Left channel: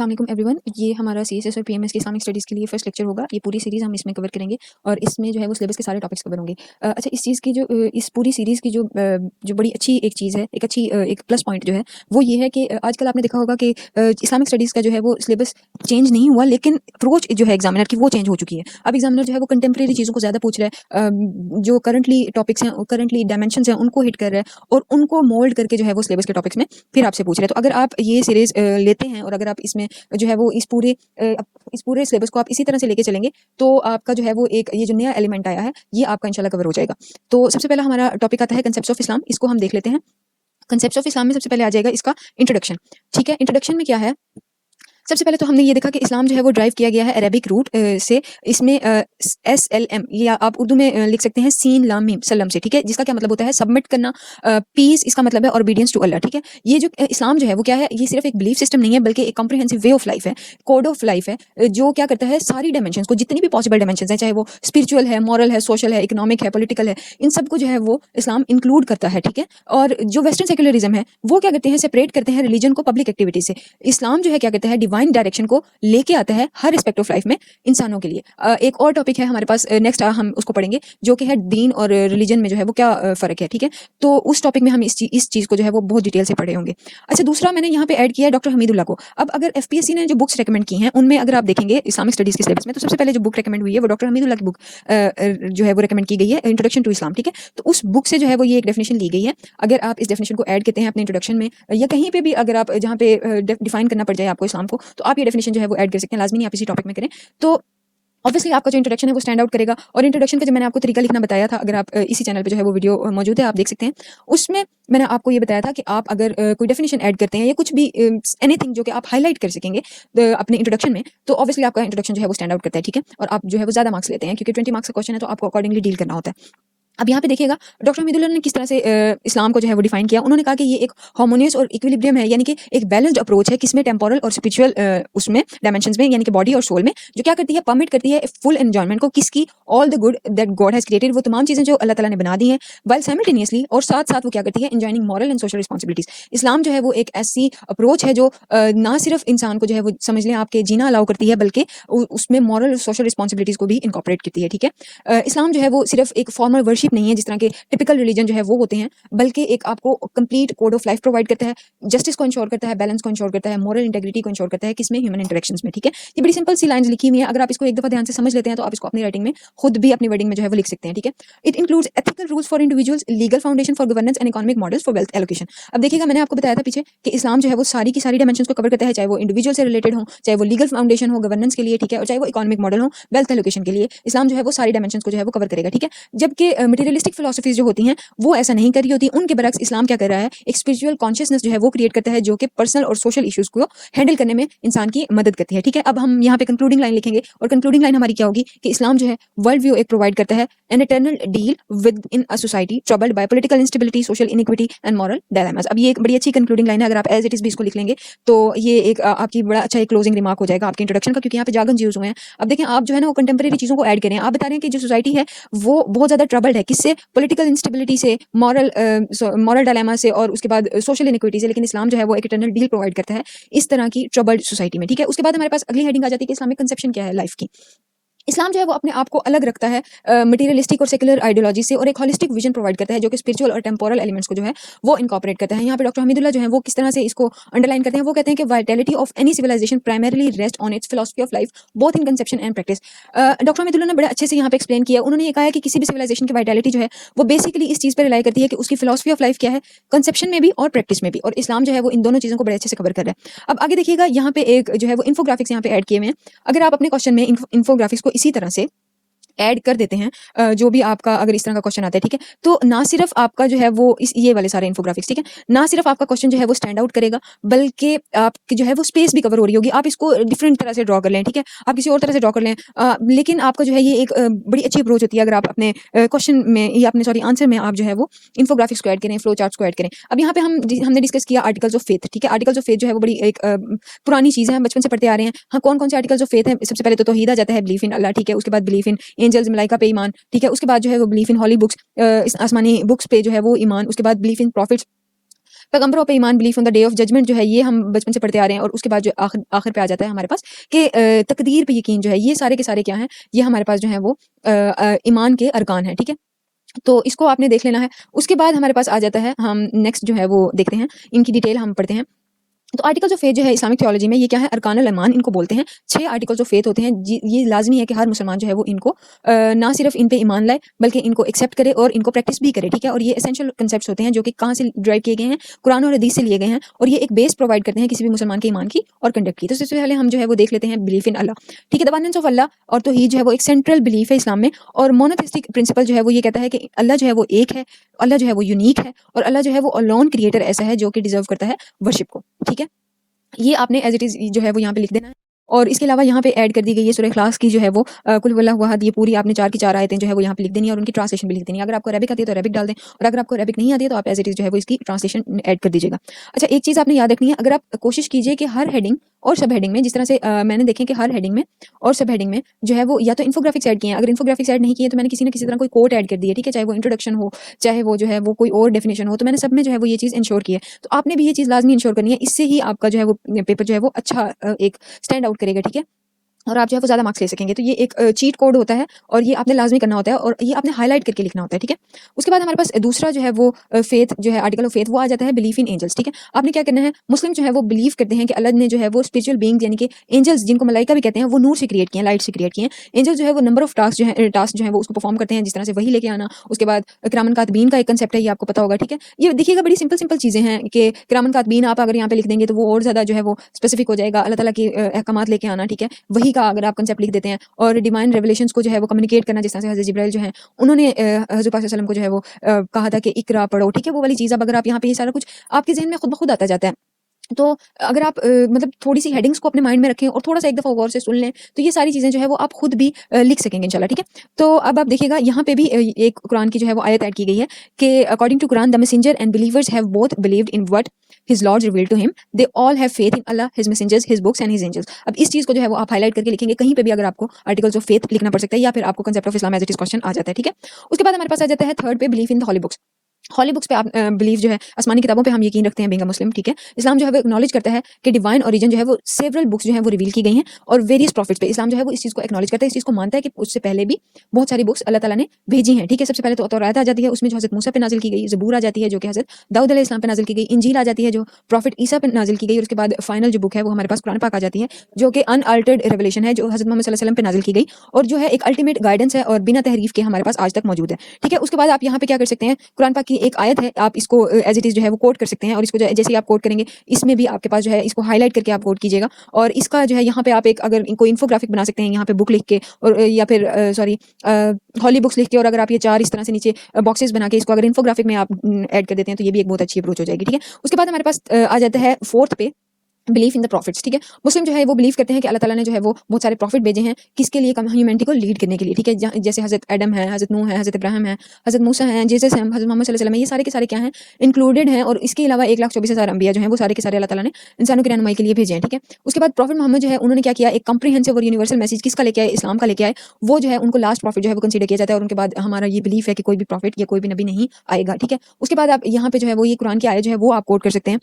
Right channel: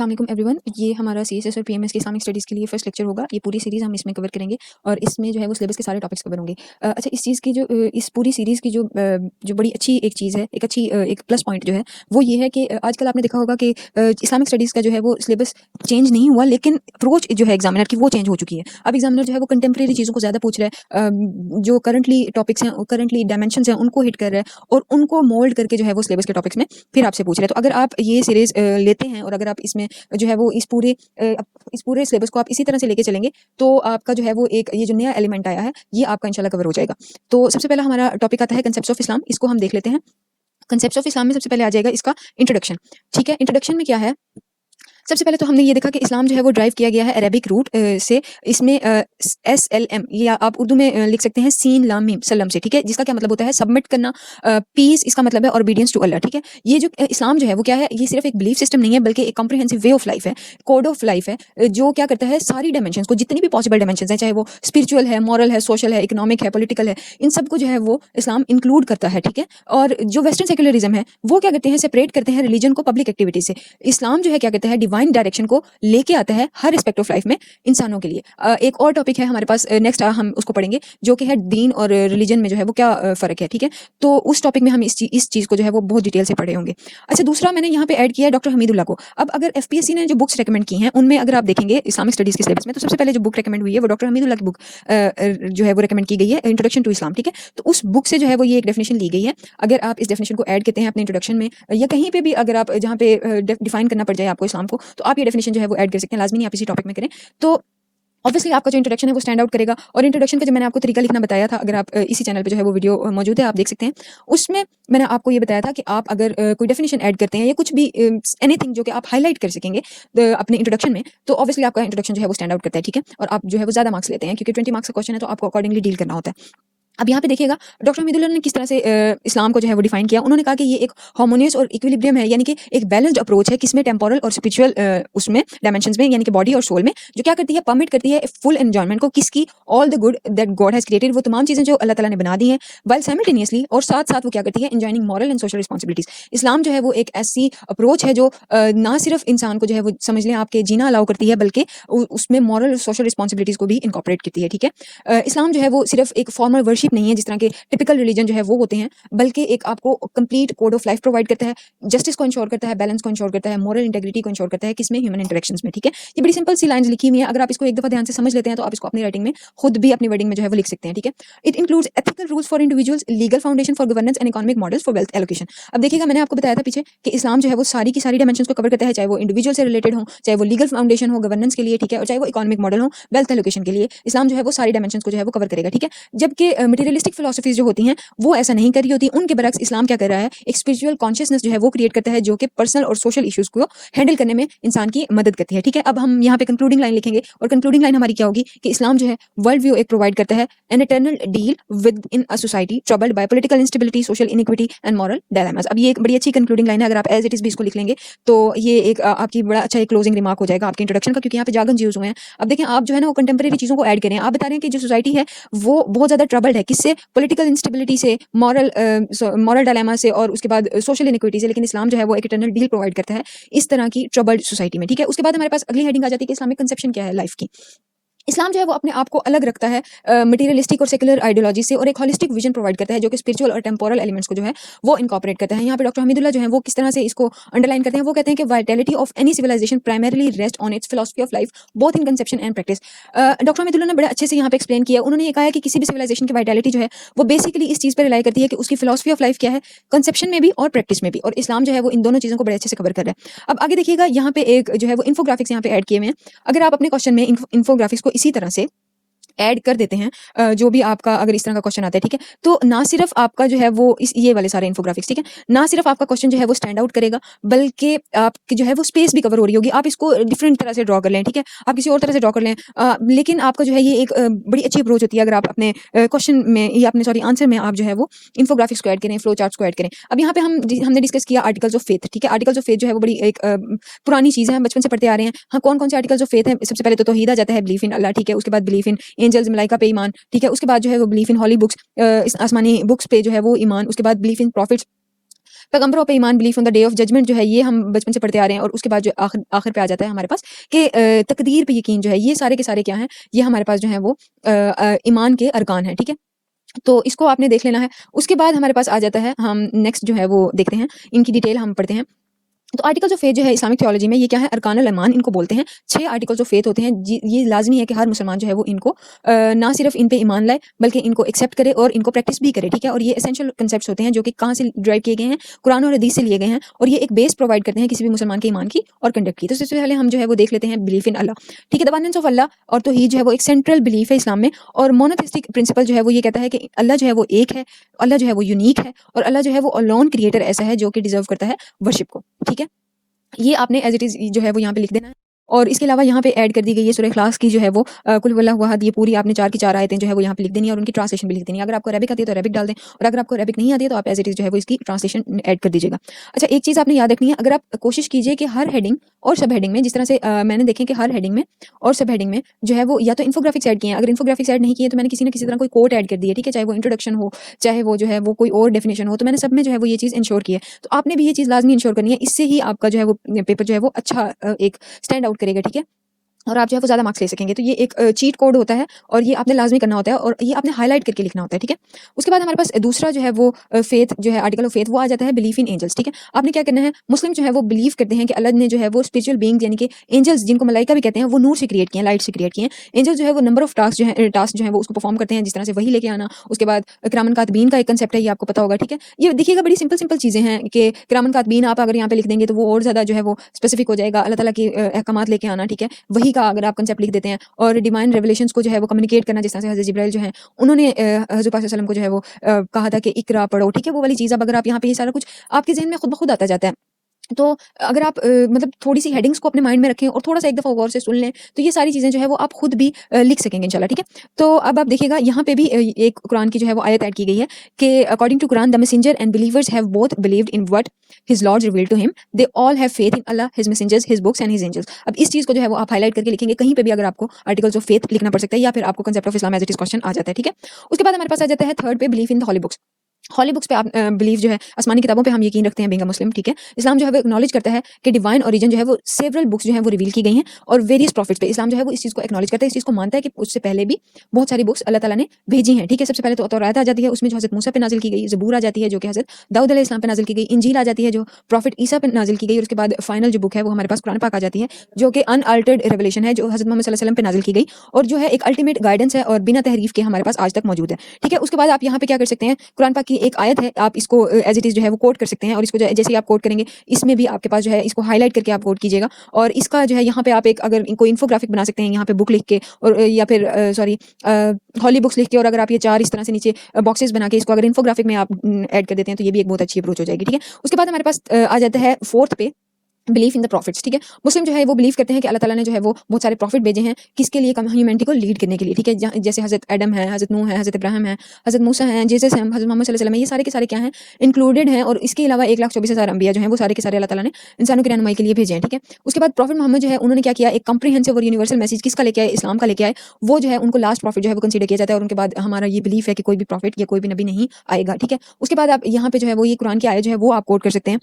अस्सलाम वालेकुम एवरीवन। ये हमारा सीएसएस और पीएमएस की इस्लामिक स्टडीज़ के लिए फर्स्ट लेक्चर होगा। ये पूरी सीरीज़ हम इसमें कवर करेंगे और इसमें जो है वो सिलेबस के सारे टॉपिक्स कवर होंगे। अच्छा, इस चीज़ की इस पूरी सीरीज़ की जो बड़ी अच्छी एक चीज़ है, एक अच्छी एक प्लस पॉइंट जो है वो ये है कि आजकल आपने देखा होगा कि इस्लामिक स्टडीज़ का जो है वो सिलेबस चेंज नहीं हुआ, लेकिन अप्रोच जो है एग्जामिनर की वो चेंज हो चुकी है। अब एग्जामिनर जो है वो कंटेम्प्रेरी चीज़ों को ज़्यादा पूछ रहा है, जो करंटली टॉपिक्स हैं, करंटली डायमेंशंस हैं, उनको हिट कर रहा है और उनको मोल्ड करके जो है वो सिलेबस के टॉपिक्स में फिर आपसे पूछ रहे हैं। तो अगर आप ये सीरीज़ लेते हैं और अगर आप इसमें जो है वो इस पूरे सिलेबस को आप इसी तरह से लेके चलेंगे, तो आपका जो है वो एक ये जो नया एलिमेंट आया है, ये आपका इंशाल्लाह कवर हो जाएगा। तो सबसे पहला हमारा टॉपिक आता है कांसेप्ट्स ऑफ इस्लाम। इसको हम देख लेते हैं। कांसेप्ट्स ऑफ इस्लाम में सबसे पहले आ जाएगा इसका इंट्रोडक्शन। ठीक है, इंट्रोडक्शन में क्या है? सबसे पहले तो हमने ये देखा कि इस्लाम जो है वो ड्राइव किया गया है अरेबिक रूट से। इसमें SLM या आप उर्दू में लिख सकते हैं सीन लाम मीम सलम से। ठीक है, जिसका क्या मतलब होता है? सबमिट करना, पीस इसका मतलब है, और ओबीडियंस टू अल्लाह। ठीक है, ये जो इस्लाम जो है वो क्या है? ये सिर्फ एक बिलीफ सिस्टम नहीं है, बल्कि एक कॉम्प्रिहेंसिव वे ऑफ लाइफ है, कोड ऑफ लाइफ है, जो क्या करता है सारी डायमेंशंस को, जितनी भी पॉसिबल डायमेंशंस है, चाहे वो स्पिरिचुअल है, मॉरल है, सोशल है, इकोनॉमिक है, पॉलिटिकल है, इन सबको जो है वो इस्लाम इंक्लूड करता है। ठीक है, और जो वेस्टर्न सेक्युलरिज्म है वो क्या करते हैं? सेपरेट करते हैं रिलीजन को पब्लिक एक्टिविटी से। इस्लाम जो है क्या करता है? डिवाइन डायरेक्शन को लेके आता है हर एस्पेक्ट ऑफ लाइफ में इंसानों के लिए। एक और टॉपिक है हमारे पास, नेक्स्ट हम उसको पढ़ेंगे, जो कि है दीन और रिलीजन में जो है वो क्या फर्क है। ठीक है, तो उस टॉपिक में हम इस चीज को जो है वो बहुत डिटेल से पढ़े होंगे। अच्छा, दूसरा मैंने यहाँ पे ऐड किया है डॉक्टर हमीदुल्लाह को। अब अगर एफपीएससी ने जो बुक्स रेकमेंड की हैं उनमें अगर आप देखेंगे इस्लामिक स्टडीज के सिलेबस में, तो सबसे पहले जो बुक रेकमेंड हुई है वो डॉक्टर हमीदुल्लाह की बुक जो है वो रेकमेंड की गई है, इंट्रोडक्शन टू इस्लाम। ठीक है, तो उस बुक से जो है वो ये एक डेफिनेशन ली गई है। अगर आप इस डेफिनेशन को ऐड करते हैं अपने इंट्रोडक्शन में या कहीं पे भी, अगर आप जहाँ पे डिफाइन करना पड़ जाए आपको इस्लाम को, तो आप ये डेफिनेशन जो है वो ऐड कर सकते हैं। लाजमी नहीं आप इसी टॉपिक में करें, तो ऑब्वियसली आपका जो इंट्रोडक्शन है वो स्टैंड आउट करेगा। और इंट्रोडक्शन का जो मैंने आपको तरीका लिखना बताया था, अगर आप इसी चैनल पे जो है वो वीडियो मौजूद है, आप देख सकते हैं। उसमें मैंने आपको ये बताया था कि आप अगर कोई डेफिनेशन ऐड करते हैं या कुछ भी एनीथिंग जो कि आप हाईलाइट कर सकेंगे अपने इंट्रोडक्शन में, तो ऑब्वियसली आपका इंट्रोडक्शन जो है वो स्टैंड आउट करता है। ठीक है, और आप जो है वो ज्यादा मार्क्स लेते हैं, क्योंकि 20 मार्क्स का क्वेश्चन है, तो आपको अकॉर्डिंगली डील करना होता है। अब यहाँ पे देखिएगा डॉक्टर हमीदुल्लाह ने किस तरह से इस्लाम को जो है वो डिफाइन किया। उन्होंने कहा कि ये एक हार्मोनियस और इक्विलिब्रियम है, यानी कि एक बैलेंस्ड अप्रोच है, किसमें टेम्पोरल और स्पिरिचुअल उसमें डायमेंशंस में, यानी कि बॉडी और सोल में, जो क्या करती है? परमिट करती है फुल एंजॉयमेंट को, किसकी? All the good that God has created, वो तमाम चीजें जो अल्लाह ताला ने बना दी हैं, वेल साइमल्टेनियसली, और साथ साथ वो क्या करती है? Enjoying moral and social responsibilities. इस्लाम जो है वो एक ऐसी अप्रोच है जो ना सिर्फ इंसान को जो है वो समझ लें आपके जीना अलाउ करती है, बल्कि उसमें मॉरल और सोशल रिस्पांसिबिलिटीज को भी इनकॉर्पोरेट करती है। ठीक है, इस्लाम जो है वो सिर्फ एक फॉर्मल वर्शिप नहीं है जिस तरह के टिपिकल रिलीजन जो है वो होते हैं, बल्कि एक आपको complete code of life provide करता है, जस्टिस को इंश्योर करता है, बैलेंस को इंश्योर करता है, मॉरल इंटेग्रिटी को इंश्योर करता है, किसमें? ह्यूमन इंटरेक्शंस में। ठीक है, ये बड़ी सिंपल सी लाइंस लिखी हुई है, अगर आप इसको एक दफा ध्यान से समझ लेते हैं तो आप इसको अपनी राइटिंग में खुद भी अपनी वर्डिंग में जो है वो लिख सकते हैं। ठीक है, it includes ethical rules for individuals, legal foundation for governance and economic models for wealth allocation. अब देखिएगा, मैंने आपको बताया था पीछे कि इस्लाम जो है वो सारी की सारी डायमेंशंस को कवर करता है, चाहे वो इंडिविजुअल से रिलेटेड हो, चाहे वो लीगल फाउंडेशन हो गवर्नेंस के लिए, ठीक है, और चाहे वो इकोनॉमिक मॉडल हो वेल्थ एलोकेशन के लिए। इस्लाम जो है वो सारी डायमेंशंस को जो है वो कवर करेगा। ठीक है, जबकि मटेरियलिस्टिक फिलॉसफीज जो होती हैं वो ऐसा नहीं कर रही होती। उनके बरक्स इस्लाम क्या कर रहा है? एक स्पिरिचुअल कॉन्शियसनेस जो है वो क्रिएट करता है, जो कि पर्सनल और सोशल इश्यूज को हैंडल करने में इंसान की मदद करती है। ठीक है, अब हम यहाँ पे कंक्लूडिंग लाइन लिखेंगे, और कंक्लूडिंग लाइन हमारी क्या होगी कि इस्लाम जो है वर्ल्ड व्यू एक प्रोवाइड करता है, an eternal deal with in a society troubled bye political instability, social iniquity and moral dilemmas. अब ये एक बड़ी अच्छी कंक्लूडिंग लाइन है, अगर आप एज इट इज भी इसको लिख लेंगे तो ये एक आपकी बड़ा अच्छा एक क्लोजिंग रिमार्क हो जाएगा आपके इंट्रोडक्शन का, क्योंकि यहाँ पे जागन यूज हुए हैं। अब देखिए, आप जो है ना वो कंटेम्प्रेरी चीजों को ऐड करें। आप बता रहे हैं कि जो सोसाइटी है वो बहुत ज्यादा ट्रबल्ड है, किससे? पॉलिटिकल इंस्टेबिलिटी से, मॉरल डायलेमा से, और उसके बाद सोशल इनइक्विटी से, लेकिन इस्लाम जो है वो एक इटर्नल डील प्रोवाइड करता है इस तरह की ट्रबल्ड सोसाइटी में। ठीक है, उसके बाद हमारे पास अगली हेडिंग आ जाती है कि इस्लामिक कंसेप्शन क्या है लाइफ की। इस्लाम जो है वो अपने आप को अलग रखता है मटेरियलिस्टिक और सेकुलर आइडियोलॉजी से, और एक होलिस्टिक विजन प्रोवाइड करता है, जो कि स्पिरिचुअल और टेम्पोरल एलिमेंट्स को जो है वो इनकॉर्पोरेट करता है। यहाँ पे डॉक्टर हमीदुल्लाह जो है वो किस तरह से इसको अंडरलाइन करते हैं, वो कहते हैं कि vitality of any civilisation primarily rest on its philosophy of life both in conception and practice. Doctor Hamidullah ने बड़े अच्छे से यहाँ पे एक्सप्लेन किया। उन्होंने ये कहा है कि किसी भी सिविलाइजेशन की वाइटैलिटी जो है वो बेसिकली इस चीज पर रिलाई करती है कि उसकी फिलॉसफी ऑफ लाइफ क्या है, कंसेप्शन में भी और प्रैक्टिस में भी, और इस्लाम जो है वो इन दोनों चीजों को बड़े अच्छे से कवर कर रहा है। अब आगे देखिएगा, यहाँ पे एक जो है वो इन्फोग्राफिक्स यहाँ पे ऐड किए हुए हैं। अगर आप अपने क्वेश्चन में इन्फोग्राफिक्स को इसी तरह से ऐड कर देते हैं, जो भी आपका अगर इस तरह का क्वेश्चन आता है, ठीक है, तो ना सिर्फ आपका जो है वो ये वाले सारे इन्फोग्राफिक्स, ठीक है, ना सिर्फ आपका क्वेश्चन जो है वो स्टैंड आउट करेगा, बल्कि आपकी जो है वो स्पेस भी कवर हो रही होगी। आप इसको डिफरेंट तरह से ड्रॉ कर लें, ठीक है, आप किसी और तरह से ड्रॉ कर लें, लेकिन आपका जो है ये एक बड़ी अच्छी अप्रोच होती है अगर आप अपने क्वेश्चन में या अपने सॉरी आंसर में आप जो है वो इन्फोग्राफिक्स को ऐड करें, फ्लो चार्ट्स को ऐड करें। अब यहाँ पे हमने डिस्कस किया आर्टिकल्स ऑफ फेथ, ठीक है, आर्टिकल्स ऑफ फेथ जो है वो बड़ी एक पुरानी चीज है, बचपन से पढ़ते आ रहे हैं। हाँ, कौन कौन से आर्टिकल्स ऑफ फेथ है? सबसे पहले तो तौहीद आ जाता है, बिलीफ इन अल्लाह, ठीक है, उसके बाद बिलीफ इन एंजल्स, मलाइका पे ईमान, ठीक है, उसके बाद जो है वो बिलीफ इन हॉली बुक्स, इस आसमानी बुक्स पे जो है वो ईमान, उसके बाद बिलीफ इन प्रॉफिट्स, पैगंबरों पे ईमान, belief on the day of judgment जो है ये हम बचपन से पढ़ते आ रहे हैं। और उसके बाद जो आखिर आखिर पे आ जाता है हमारे पास कि तकदीर पे यकीन जो है, ये सारे के सारे क्या हैं, ये हमारे पास जो है वो ईमान के अरकान हैं, ठीक है। तो इसको आपने देख लेना है। उसके बाद हमारे पास आ जाता है, हम नेक्स्ट जो है वो देखते हैं, इनकी डिटेल हम पढ़ते हैं। तो आर्टिकल्स ऑफ फेथ जो है इस्लामिक थियोलॉजी में, ये क्या है, अरकानुल ईमान इनको बोलते हैं। 6 आर्टिकल्स ऑफ फेथ होते हैं। ये लाजमी है कि हर मुसलमान जो है वो इनको ना सिर्फ इन पे ईमान लाए, बल्कि इनको एक्सेप्ट करे और इनको प्रैक्टिस भी करे, ठीक है। और ये एसेंशियल कांसेप्ट्स होते हैं जो कि कहाँ से ड्राइव किए गए हैं, कुरान और हदीस से लिए गए हैं। और ये एक बेस प्रोवाइड करते हैं किसी भी मुसलमान के ईमान की और कंडक्ट की। तो सबसे पहले हम जो है वो देख लेते हैं बिलीफ इन अल्लाह, ठीक है। द वननेस ऑफ अल्लाह, और तो ये जो है वो एक सेंट्रल बिलीफ है इस्लाम में। और मोनोथिस्टिक प्रिंसिपल जो है वो ये कहता है कि अल्लाह जो है वो एक है, अल्लाह जो है वो यूनिक है, और अल्लाह जो है वो अलोन क्रिएटर ऐसा है जो कि डिजर्व करता है वर्शिप को, ठीक है। ये आपने एज़ इट इज़ जो है वो यहाँ पे लिख देना है। और इसके अलावा यहाँ पे ऐड कर दी गई है सूरह इखलास की जो है वो कुल वल्लाहु अहद, ये पूरी आपने 4 की 4 आयतें जो है वो यहाँ पे लिख देनी है और उनकी ट्रांसलेशन भी लिख देनी है। अगर आपको अरबिक आती है तो अरबिक डाल दें, और अगर आपको अरबिक नहीं आती है तो आप एज़ इट इज़ जो है वो इसकी ट्रांसलेशन ऐड कर दीजिएगा। अच्छा, एक चीज़ आपने याद रखनी है, अगर आप कोशिश कीजिए कि हर हेडिंग और सब हेडिंग में, जिस तरह से मैंने देखें कि हर हेडिंग में और सब हेडिंग में जो है वो या तो इन्फोग्राफिक्स ऐड किए हैं। अगर इन्फोग्राफिक्स ऐड नहीं किए तो मैंने किसी न किसी तरह कोई कोट ऐड कर दिया, ठीक है, चाहे वो इंट्रोडक्शन हो, चाहे वो जो है वो कोई और डेफिनेशन हो, तो मैंने सब में जो है वो ये चीज़ इंश्योर की है। तो आपने भी ये चीज़ लाजमी इंश्योर करनी है, इससे ही आपका जो है वो पेपर जो है वो अच्छा एक स्टैंड आउट करेगा, ठीक है। और आप जो है वो ज़्यादा मार्क्स ले सकेंगे। तो ये एक चीट कोड होता है और ये आपने लाज़मी करना होता है और ये आपने हाइलाइट करके लिखना होता है, ठीक है। उसके बाद हमारे पास दूसरा जो है वो फेथ जो है, आर्टिकल ऑफ फेथ, वो आ जाता है बिलीफ इन एंजल्स, ठीक है। आपने क्या करना है, मुस्लिम जो है वो बिलीव करते हैं कि अल्लाह ने जो है वो स्पिरिचुअल बीइंग्स यानी कि एंजल्स, जिनको मलाइका भी कहते हैं, वो नूर से क्रिएट किए हैं, लाइट से क्रिएट किए हैं। एंजल जो है वो नंबर ऑफ टास्क जो है वो उसको परफॉर्म करते हैं, जिस तरह से वही लेके आना। उसके बाद किरामन कातबीन का एक कंसेप्ट है, ये आपको पता होगा, ठीक है। ये देखिएगा बड़ी सिंपल सिंपल चीज़ें हैं कि किरामन कातबीन आप अगर यहाँ पे लिख देंगे तो वो और ज़्यादा जो है वो स्पेसिफिक हो जाएगा, अल्लाह ताला की अहकामात लेके आना, ठीक है। वही का अगर आप कंसेप्ट लिख देते हैं और डिवाइन रेवलेशंस को जो है वो कम्युनिकेट करना, जिस तरह से हज़रत जिब्राइल जो है उन्होंने हज़रत पाक सल्लल्लाहु अलैहि वसल्लम को जो है वो कहा था कि इक़रा पढ़ो, ठीक है। वो वाली चीज़ अब अगर आप यहाँ पे ये सारा कुछ आपके ज़हन में खुद ब खुद आता जाता है। तो अगर आप मतलब थोड़ी-सी हेडिंग्स को अपने माइंड में रखें और थोड़ा-सा एक दफ़ा गौर से सुन लें, तो ये सारी चीज़ें जो है वो आप खुद भी लिख सकेंगे इंशाल्लाह, ठीक है। तो अब आप देखिएगा यहाँ पे भी एक कुरान की जो है वो आयत ऐड की गई है कि according to Quran the messenger and believers have both believed in what his Lord revealed to him, they all have faith in Allah, his messengers, his books and his angels. अब इस चीज़ को जो है वो आप हाइलाइट करके लिखेंगे कहीं पे भी, अगर आपको आर्टिकल्स ऑफ फेथ लिखना पड़ सकता है या फिर आपको concept of Islam as it is question आ जाता है, ठीक है। उसके बाद हमारे पास आ जाता है थर्ड पे belief in the holy books. Holy books पे आप बिलीव जो है, आसमानी किताबों पे हम यकीन रखते हैं बीइंग अ मुस्लिम, ठीक है। इस्लाम जो है वो एक्नॉलेज करता है कि डिवाइन ओरिजिन जो है वो सेवरल बुक्स जो है वो रिवील की गई हैं और वेरियस प्रॉफिट्स पे इस्लाम जो है वो इस चीज़ को एक्नॉलेज करता है, इस चीज़ को मानता है कि उससे पहले भी बहुत सारी बुक्स अल्लाह ताला ने भेजी हैं, ठीक है। सबसे पहले तो तौरात आ जाती है, उसमें जो हज़रत मूसा पे नाज़िल की गई है, ज़बूर आ जाती है जो कि हज़रत दाऊद अलैहिस्सलाम पे नाज़िल की गई, इंजील आ जाती है जो प्रॉफिट ईसा पे नाज़िल की गई, और उसके बाद फाइनल जो बुक है वो हमारे पास कुरान पाक आ जाती है जो कि अनअल्टर्ड रिवलेशन है, जो हज़रत मोहम्मद सल्लल्लाहु अलैहि वसल्लम पे नाज़िल की गई और जो है एक अल्टीमेट गाइडेंस है और बिना तहरीफ के हमारे पास आज तक मौजूद है, ठीक है। उसके बाद आप यहाँ पे क्या कर सकते हैं, कुरान पाक की एक आयत है, आप इसको एज इट इज़ जो है वो कोट कर सकते हैं और इसको जो है जैसे ही आप कोट करेंगे, इसमें भी आपके पास जो है इसको हाईलाइट करके आप कोट कीजिएगा और इसका जो है यहाँ पे आप एक अगर इनको इन्फोग्राफिक बना सकते हैं यहाँ पे बुक लिख के, और या फिर सॉरी हॉली बुक्स लिख के, और अगर आप ये 4 इस तरह से नीचे बॉक्सेस बना के इसको अगर इन्फोग्राफिक में आप ऐड कर देते हैं तो ये भी एक बहुत अच्छी अप्रोच हो जाएगी, ठीक है। उसके बाद हमारे पास आ जाता है फोर्थ पे बिलीफ इन द प्रॉफिट्स, ठीक है। मुस्लिम जो है वो बिलीव करते हैं कि अल्लाह ताला ने जो है वो बहुत सारे प्रॉफिट भेजे हैं, किसके लिए, ह्यूमैनिटी को लीड करने के लिए, ठीक है। जैसे हज़रत एडम है, हज़रत नूह है, हज़रत इब्राहिम है, हज़रत मूसा है, जीसस है, हज़रत मोहम्मद सल्लल्लाहु अलैहि वसल्लम है, ये सारे के सारे क्या हैं, इंक्लूडेड हैं। और इसके अलावा 1,24,000 अंबिया जो हैं वो सारे के सारे अल्लाह ताला ने इंसानों की रहनुमाई के लिए भेजे हैं, ठीक है। उसके बाद प्रॉफिट मोहम्मद जो है उन्होंने क्या किया, एक कम्प्रिहेंसिव और यूनिवर्सल मैसेज किसका लेके आए, इस्लाम का लेके आए। वो जो है उनको लास्ट प्रॉफिट जो है वो कंसीडर किया जाता है और उनके बाद हमारा ये बिलीफ है कि कोई भी प्रॉफिट या कोई भी नबी नहीं आएगा, ठीक है। उसके बाद आप यहाँ पे जो है वो ये कुरान की आयत जो है वो आप कोट कर सकते हैं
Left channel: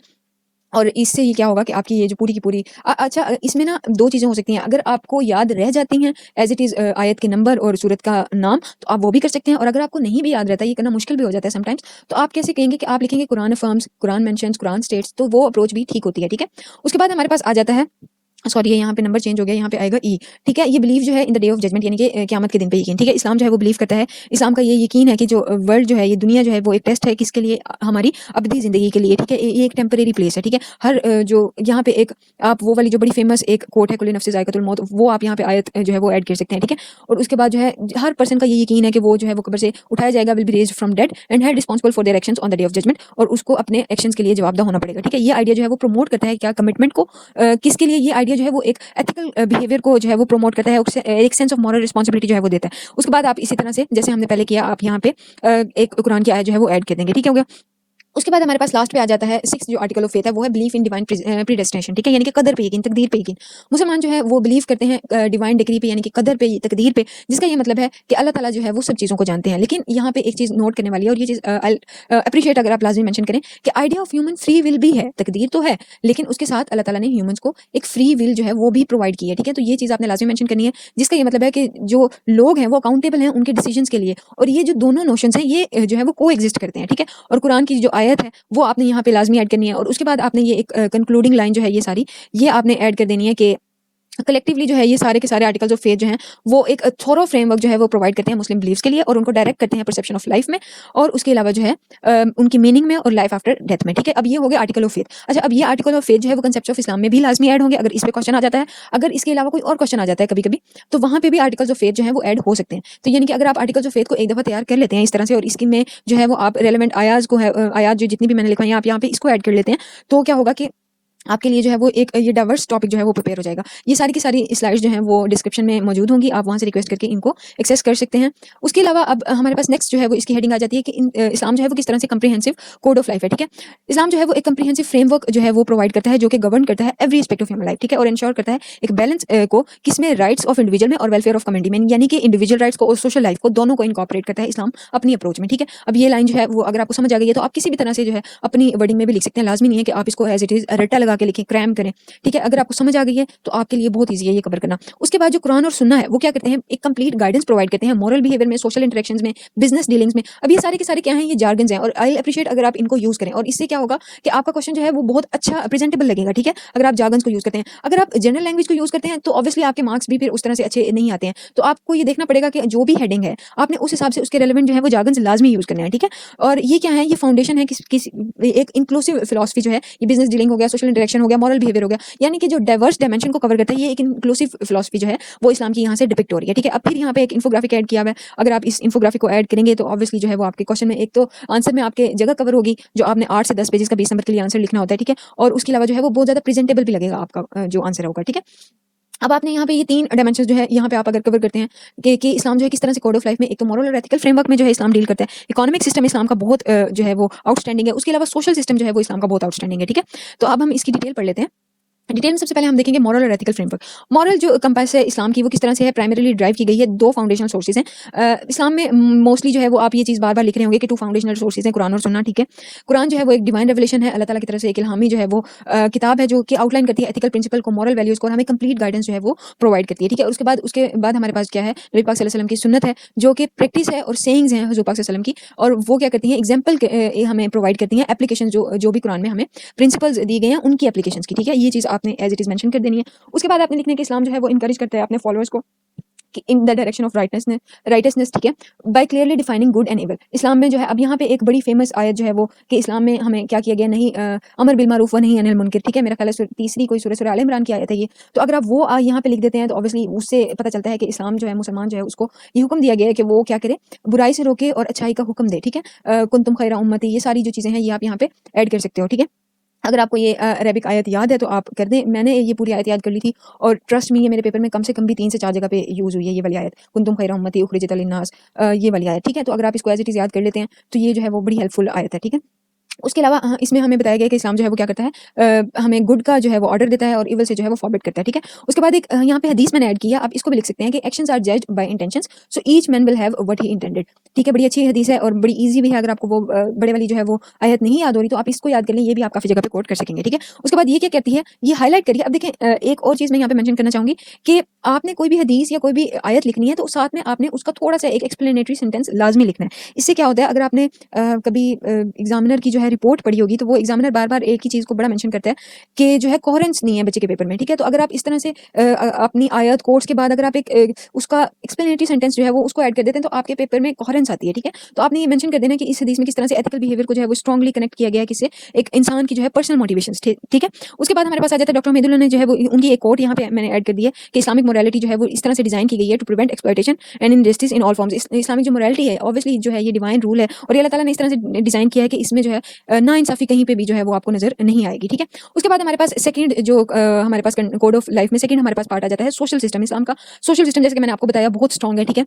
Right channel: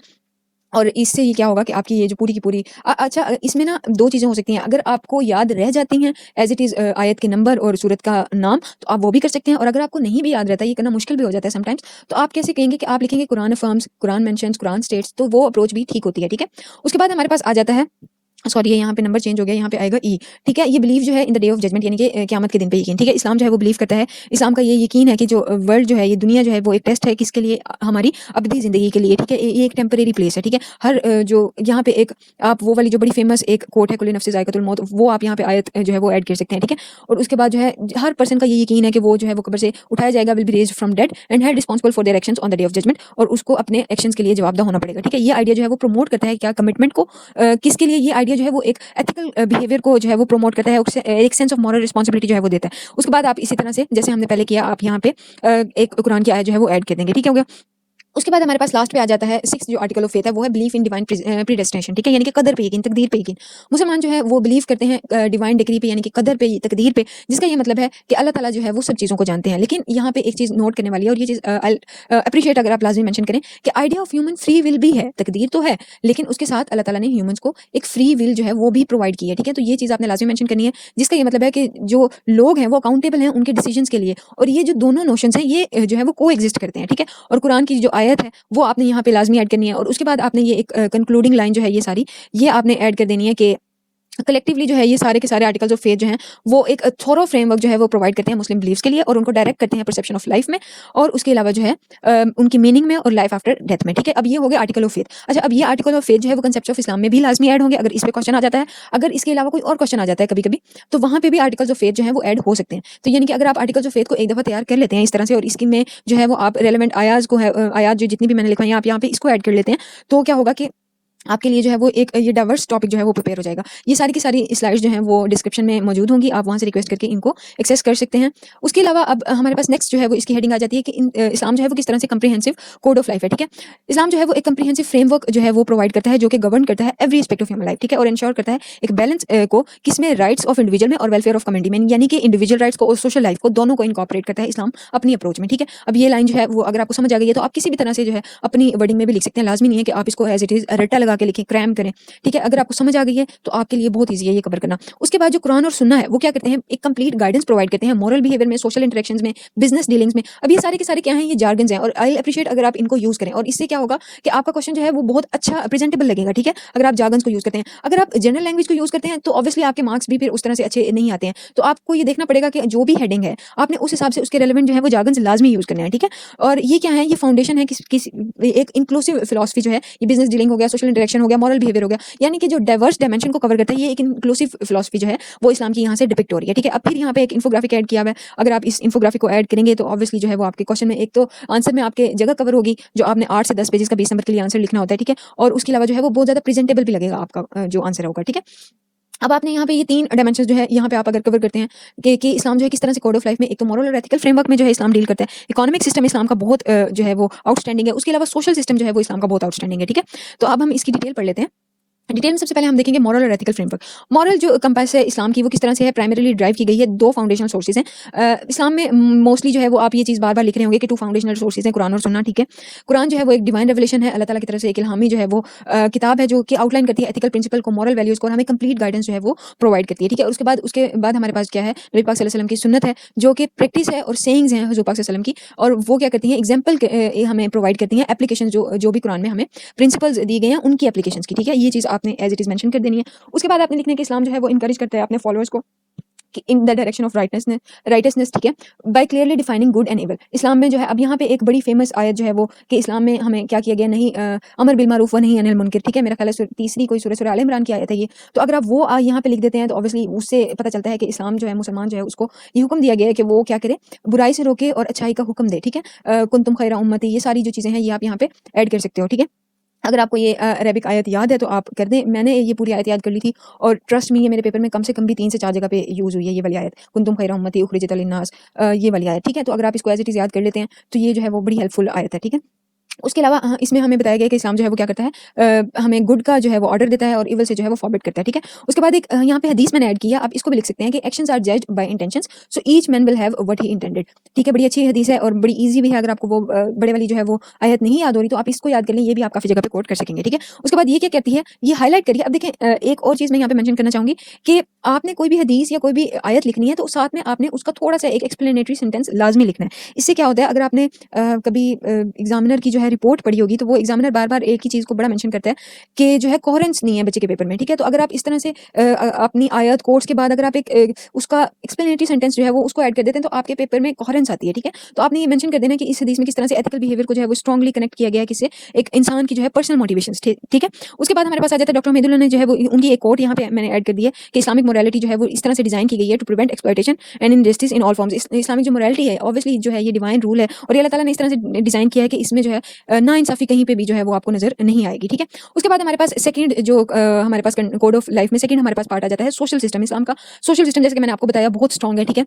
और इससे ये क्या होगा कि आपकी ये जो पूरी की पूरी अच्छा, इसमें ना 2 चीज़ें हो सकती हैं। अगर आपको याद रह जाती हैं एज़ इट इज़ आयत के नंबर और सूरत का नाम, तो आप वो भी कर सकते हैं। और अगर आपको नहीं भी याद रहता, ये करना मुश्किल भी हो जाता है समटाइम्स, तो आप कैसे कहेंगे कि आप लिखेंगे कुरान अफ़र्म्स, कुरान मेंशन्स, कुरान स्टेट्स, तो वो अप्रोच भी ठीक होती है, ठीक है। उसके बाद हमारे पास आ जाता है, सॉरी ये यहाँ पे नंबर चेंज हो गया, यहाँ पे आएगा ई, ठीक है। ये बिलीव जो है in the day of judgement यानी कि क़यामत के दिन पे यकीन, ठीक है। इस्लाम जो है वो बिलीव करता है, इस्लाम का ये यकीन है कि जो वर्ल्ड जो है, ये दुनिया जो है वो एक टेस्ट है किसके लिए, हमारी अबदी ज़िंदगी के लिए, ठीक है। ये एक टेम्परेरी प्लेस है, ठीक है। हर जो यहाँ पे एक आप वो वाली जो बड़ी फेमस एक कोट है, कुल्लु नफ्सिन ज़ाइक़तुल मौत, वो आप यहाँ पे आयत जो है वो ऐड कर सकते हैं, ठीक है। और उसके बाद जो है हर पर्सन का ये यकीन है कि वो जो है वो कब्र से उठाया जाएगा, will be raised from dead and held responsible for their actions on the day of judgement, और उसको अपने एक्शंस के लिए जवाबदेह होना पड़ेगा, ठीक है। ये आइडिया जो है वो प्रमोट करता है क्या, कमिटमेंट को, किसके लिए ये आइडिया जो है वो एक एथिकल बिहेवियर को जो है वो प्रमोट करता है, एक सेंस ऑफ मॉरल रिस्पांसिबिलिटी जो है वो देता है। उसके बाद आप इसी तरह से जैसे हमने पहले किया, आप यहाँ पे एक कुरान की आयत जो है वो ऐड कर देंगे, ठीक है, हो गया। उसके बाद हमारे पास लास्ट पे आ जाता है 6th जो आर्टिकल ऑफ फेथ है वो है बिलीफ इन डिवाइन प्रीडेस्टिनेशन, ठीक है, यानी कि कदर पे यकीन, तकदीर पे यकीन। मुसलमान जो है वो बिलीव करते हैं डिवाइन डिक्री पे, यानी कि कदर पे, तकदीर पे, जिसका ये मतलब है कि अल्लाह ताला जो है वो सब चीज़ों को जानते हैं। लेकिन यहाँ पे एक चीज़ नोट करने वाली है, और ये चीज़ अप्रिशिएट अगर आप लाजमी मेंशन करें कि idea of human free will भी है, तकदीर तो है, लेकिन उसके साथ अल्लाह ताला ने ह्यूमंस को एक फ्री विल जो है वो भी प्रोवाइड की है, ठीक है। तो ये चीज़ आपने लाजमी मेंशन करनी है, जिसका ये मतलब है कि जो लोग हैं वो अकाउंटेबल हैं उनकी डिसीजंस के लिए, और ये जो दोनों नोशंस हैं ये जो है वो को एग्जिस्ट करते हैं, ठीक है। और कुरान की जो आयत है वो आपने यहाँ पे लाजमी ऐड करनी है, और उसके बाद आपने ये एक कंक्लूडिंग लाइन जो है ये सारी ये आपने ऐड कर देनी है कि कलेक्टिवली जो है ये सारे के सारे आर्टिकल्स ऑफ फेथ जो हैं वो एक थोरो फ्रेमवर्क जो है वो प्रोवाइड करते हैं मुस्लिम बिलीफ्स के लिए, और उनको डायरेक्ट करते हैं परसेप्शन ऑफ लाइफ में, और उसके अलावा जो है उनकी मीनिंग में और लाइफ आफ्टर डेथ में, ठीक है। अब ये हो गया आर्टिकल ऑफ फेथ। अच्छा, अब ये आर्टिकल ऑफ फेथ जो है वो कंसेप्ट ऑफ इस्लाम में भी लाजमी ऐड होंगे अगर इसमें क्वेश्चन आ जाता है। अगर इसके अलावा कोई और क्वेश्चन आ जाता है कभी कभी, तो वहाँ पे भी आर्टिकल्स ऑफ फेथ जो है वो ऐड हो सकते हैं। तो यानी कि अगर आप आर्टिकल्स ऑफ फेथ को एक दफ़ा तैयार कर लेते हैं इस तरह से, और इसकी में जो है वो आप रेलेवेंट आयाज को है आयात जो जितनी भी मैंने लिखा है आप यहाँ पे इसको ऐड कर लेते हैं, तो क्या होगा कि आपके लिए जो है वो एक ये डाइवर्स टॉपिक जो है वो प्रिपेयर हो जाएगा। ये सारी की सारी स्लाइड्स जो हैं वो डिस्क्रिप्शन में मौजूद होंगी, आप वहाँ से रिक्वेस्ट करके इनको एक्सेस कर सकते हैं। उसके अलावा अब हमारे पास नेक्स्ट जो है वो इसकी हेडिंग आ जाती है कि इस्लाम जो है वो किस तरह से कम्प्रिहेंसिव कोड ऑफ लाइफ है, ठीक है। इस्लाम जो है वो एक कम्प्रिहेंसिव फ्रेमवर्क जो है वो प्रोवाइड करता है, जो कि गवर्न करता है every aspect of human life, ठीक है, और इंश्योर करता है एक बैलेंस को किसमें राइट्स ऑफ इंडिविजुअल में और वेलफेयर ऑफ कम्युनिटी में, यानी कि इंडिविजुअल राइट्स को और सोशल लाइफ को दोनों को इनकॉर्पोरेट करता है इस्लाम अपनी अप्रोच में, ठीक है। अब ये लाइन जो है वो अगर आपको समझ आ गई है तो आप किसी भी तरह से जो है अपनी वर्डिंग में भी लिख सकते हैं, लाजमी नहीं है कि आप इसको एज इट इज रट्टा लगा के लिखें, क्रैम करें, ठीक है। अगर आपको समझ आ गई है तो आपके लिए बहुत ईजी है ये कवर करना। उसके बाद जो कुरान और सुन्ना है वो क्या करते हैं, एक कंप्लीट गाइडेंस प्रोवाइड करते हैं मॉरल बिहेवियर में, सोशल इंटरेक्शंस में, बिजनेस डीलिंग्स में। अब ये सारे के सारे क्या हैं, ये जार्गन्स हैं, और आई अप्रिशिएट अगर आप इनको यूज करें, और इससे क्या होगा कि आपका क्वेश्चन जो है वो बहुत अच्छा प्रेजेंटेबल लगेगा, ठीक है, अगर आप जार्गन्स को यूज करते हैं। अगर आप जनरल लैंग्वेज को यूज करते हैं तो ऑब्वियसली आपके मार्क्स भी फिर उस तरह से अच्छे नहीं आते हैं। तो आपको ये देखना पड़ेगा कि जो भी हेडिंग है आपने उस हिसाब से उसके रेलेवेंट जो है वो जार्गन्स लाजमी यूज करना है, ठीक है। और ये क्या है, ये फाउंडेशन है किस एक इंक्लूसिव फिलॉसफी जो है, ये बिजनेस डीलिंग हो गया, सोशल इंटरेक्शन हो गया, मॉरल बिहेवियर हो गया, यानी कि जो डाइवर्स डायमेंशन को कवर करता है, ये एक इंक्लूसिव फिलॉसफी जो है वो इस्लाम की यहाँ से डिपिक्ट हो रही है, ठीक है। अब फिर यहाँ पे एक इन्फोग्राफिक ऐड किया हुआ है, अगर आप इस इन्फोग्राफिक को ऐड करेंगे तो ऑब्वियसली जो है वो आपके क्वेश्चन में एक तो आंसर में आपके जगह कवर होगी, जो आपने 8 से 10 पेजेस का 20 नंबर के लिए आंसर लिखना होता है, ठीक है, और उसके अलावा जो है वो बहुत ज्यादा प्रेजेंटेबल भी लगेगा आपका जो आंसर होगा, ठीक है। अब आपने यहाँ पे ये 3 डायमेंशंस जो है यहाँ पे आप अगर कवर करते हैं कि इस्लाम जो है किस तरह से कोड ऑफ लाइफ में, एक तो मॉरल और एथिकल फ्रेमवर्क में जो है इस्लाम डील करता है, इकोनॉमिक सिस्टम इस्लाम का बहुत जो है वो आउटस्टैंडिंग है, उसके अलावा सोशल सिस्टम जो है वो इस्लाम का बहुत आउटस्टैंडिंग है, ठीक है। तो अब हम इसकी डिटेल पढ़ लेते हैं। डिटेल में सबसे पहले हम देखेंगे मॉरल और एथिकल फ्रेमवर्क। मॉरल जो कंपास है इस्लाम की वो किस तरह से है, प्राइमरीली ड्राइव की गई है 2 फाउंडेशनल सोर्सेज हैं इस्लाम में। मोस्टली जो है वो आप ये चीज़ बार बार लिख रहे होंगे कि 2 फाउंडेशनल सोर्सेज हैं, कुरान और सुन्ना, ठीक है। कुरान जो है वो एक डिवाइन रेवलेशन है, अल्लाह ताला की तरफ से एक इल्हामी जो है वो किताब है जो कि आउटलाइन करती है एथिकल प्रिंसिपल को, मॉरल वैल्यूज को, और हमें कंप्लीट गाइडेंस जो है वो प्रोवाइड करती है, ठीक है। और उसके बाद हमारे पास क्या है, नबी पाक सल्लल्लाहु अलैहि वसल्लम की सुन्नत है जो कि प्रैक्टिस है और सेइंग्स हैं हुजूर पाक सल्लल्लाहु अलैहि वसल्लम की, और वो क्या करती है, एग्जाम्पल हमें प्रोवाइड करती हैं, एप्लीकेशन जो भी कुरान में हमें प्रिंसिपल्स दी गए हैं उनकी एप्लीकेशंस की, ठीक है। ये चीज़ आपने एज इट इज मेंशन कर देनी है। उसके बाद आपने लिखना है कि इस्लाम जो है वो इनकरेज करता है अपने फॉलोअर्स को कि in the direction of rightness, ठीक है, by clearly defining good and evil. इस्लाम में जो है अब यहाँ पे एक बड़ी फेमस आयत जो है वो कि इस्लाम में हमें क्या किया गया, नहीं अमर बिल मारूफ व नही अनिल मुनकर, ठीक है, मेरा ख्याल है तीसरी कोई सूरह आल इमरान की आयत है ये। तो अगर आप वो यहाँ पे लिख देते हैं तो ऑब्वियसली उससे पता चलता है कि इस्लाम जो है, मुसलमान जो है, उसको ये हुक्म दिया गया है कि वो क्या करे, बुराई से रोके और अच्छाई का हुक्म दे, ठीक है। कुंतुम खैरा उम्मती, ये सारी जो चीज़ें हैं ये आप यहाँ पे ऐड कर सकते हो, ठीक है। अगर आपको ये अरेबिक आयत याद है तो आप कर दें, मैंने ये पूरी आयत याद कर ली थी, और ट्रस्ट मी ये मेरे पेपर में कम से कम भी 3 से 4 जगह पे यूज़ हुई है ये वाली आयत, कुंतुम खैरा उम्मती उखरिजत लिन्नास, ये वाली आयत, ठीक है। तो अगर आप इसको एज इट इज़ याद कर लेते हैं तो ये जो है वो बड़ी हेल्पफुल आयत है, ठीक है। उसके अलावा इसमें हमें बताया गया कि इस्लाम जो है वो क्या करता है, हमें गुड का जो है वो ऑर्डर देता है और इविल से जो है वो फॉरवर्ड करता है, ठीक है। उसके बाद एक यहाँ पे हदीस मैंने ऐड किया, आप इसको भी लिख सकते हैं कि actions are judged by intentions, so each man will have what he intended, ठीक है। बड़ी अच्छी हदीस है और बड़ी ईजी भी है, अगर आपको वो बड़े वाली जो है वो आयत नहीं याद हो रही तो आप इसको याद कर लें, ये भी आप काफी जगह पे कोट कर सकेंगे, ठीक है। उसके बाद ये क्या कहती है, ये हाईलाइट करिए। अब देखें एक और चीज मैं यहाँ पे मेंशन करना चाहूंगी कि आपने कोई भी हदीस या कोई भी आयत लिखनी है तो साथ में आपने उसका थोड़ा सा एक एक्सप्लेनेटरी सेंटेंस लाजमी लिखना है। इससे क्या होता है, अगर आपने कभी एग्जामिनर की जो है रिपोर्ट पढ़ी होगी तो वो एग्जामिनर बार बार एक ही चीज़ को बड़ा मेंशन करता है कि जो है कोहेरेंस नहीं है बच्चे के पेपर में, ठीक है। तो अगर आप इस तरह से अपनी आयत कोर्स के बाद अगर आप एक उसका एक्सप्लेनेटरी सेंटेंस जो है वो उसको ऐड कर देते हैं तो आपके पेपर में कोहेरेंस आती है, ठीक है। तो आपने ये मेंशन कर देना कि इस हदीस में किस तरह से एथिकल बिहेवियर को जो है वो स्ट्रांगली कनेक्ट किया गया है किसी एक इंसान की जो है पर्सनल मोटिवेशंस, ठीक है। उसके बाद हमारे पास आ जाता है डॉक्टर मेदुल्ला ने जो है वो उनकी एक कोट यहाँ पे मैंने ऐड कर दी है कि इस्लामिक मोरालिटी जो है वो इस तरह से डिजाइन की गई है to prevent exploitation and injustice in all forms. Islamic जो मोरालिटी है ऑब्वियसली जो है ये डिवाइन रूल है और ये अल्लाह ताला ने इस तरह से डिजाइन किया है कि इसमें जो है ना इंसाफी कहीं पे भी जो है वो आपको नजर नहीं आएगी, ठीक है। उसके बाद हमारे पास सेकंड जो हमारे पास कोड ऑफ लाइफ में सेकंड हमारे पास पार्ट आ जाता है सोशल सिस्टम। इस्लाम का सोशल सिस्टम जैसे कि मैंने आपको बताया बहुत स्ट्रांग है, ठीक है।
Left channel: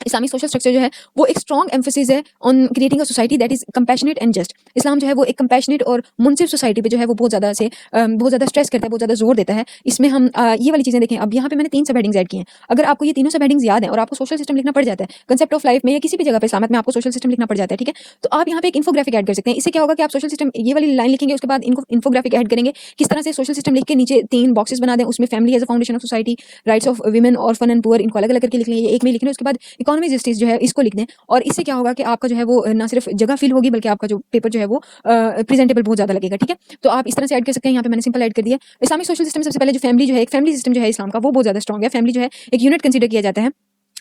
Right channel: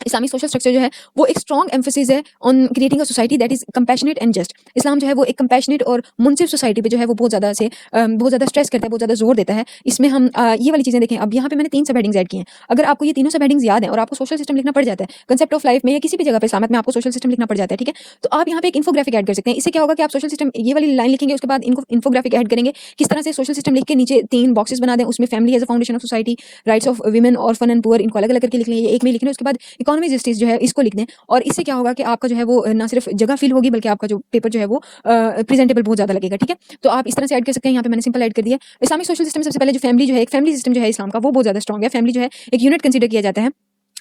इस्लामिक सोशल स्ट्रक्चर जो है वो एक स्ट्रॉन्ग एम्फोसिस है on creating a society that is compassionate and just. इस्लाम जो है वो एक कंपैशनेट और मुनसिफ सोसाइटी पे जो है वो बहुत ज़्यादा स्ट्रेस करता है, बहुत ज़्यादा जोर देता है। इसमें हम ये वाली चीज़ें देखें। अब यहाँ पे मैंने 3 सब हेडिंग्स ऐड की हैं। अगर आपको ये तीनों सब हेडिंग्स याद है और आपको सोशल सिस्टम लिखना पड़ जाता है कंसेप्ट ऑफ लाइफ में या किसी भी जगह पे इस्लामत में आपको सोशल सिस्टम लिखना पड़ जाता है, ठीक है? तो आप यहाँ पे एक इन्फोग्राफिक ऐड कर सकते हैं। इससे क्या होगा कि आप सोशल सिस्टम ये वाली लाइन लिखेंगे, उसके बाद इनको इन्फोग्राफिक ऐड करेंगे। किस तरह से सोशल सिस्टम लिख के नीचे 3 बॉक्सेस बना दें, उसमें family as a foundation of society, rights of women, orphan and poor, इनको अलग-अलग करके लिख लें, ये एक में लिख लें। उसके बाद इकोनॉमिक जस्टिस जो है इसको लिख दें और इससे क्या होगा कि आपका जो है वो ना सिर्फ जगह फील होगी बल्कि आपका जो पेपर जो है वो प्रेजेंटेबल बहुत ज़्यादा लगेगा, ठीक है? तो आप इस तरह से ऐड कर सकते हैं। यहाँ पे मैंने सिंपल ऐड कर दिया। इस्लामिक सोशल सिस्टम सबसे पहले जो फैमिली जो है, एक फैमिली सिस्टम जो है इस्लाम का वो बहुत ज़्यादा स्ट्रॉन्ग है। फैमिली जो है एक यूनिट कंसीडर किया जाता है।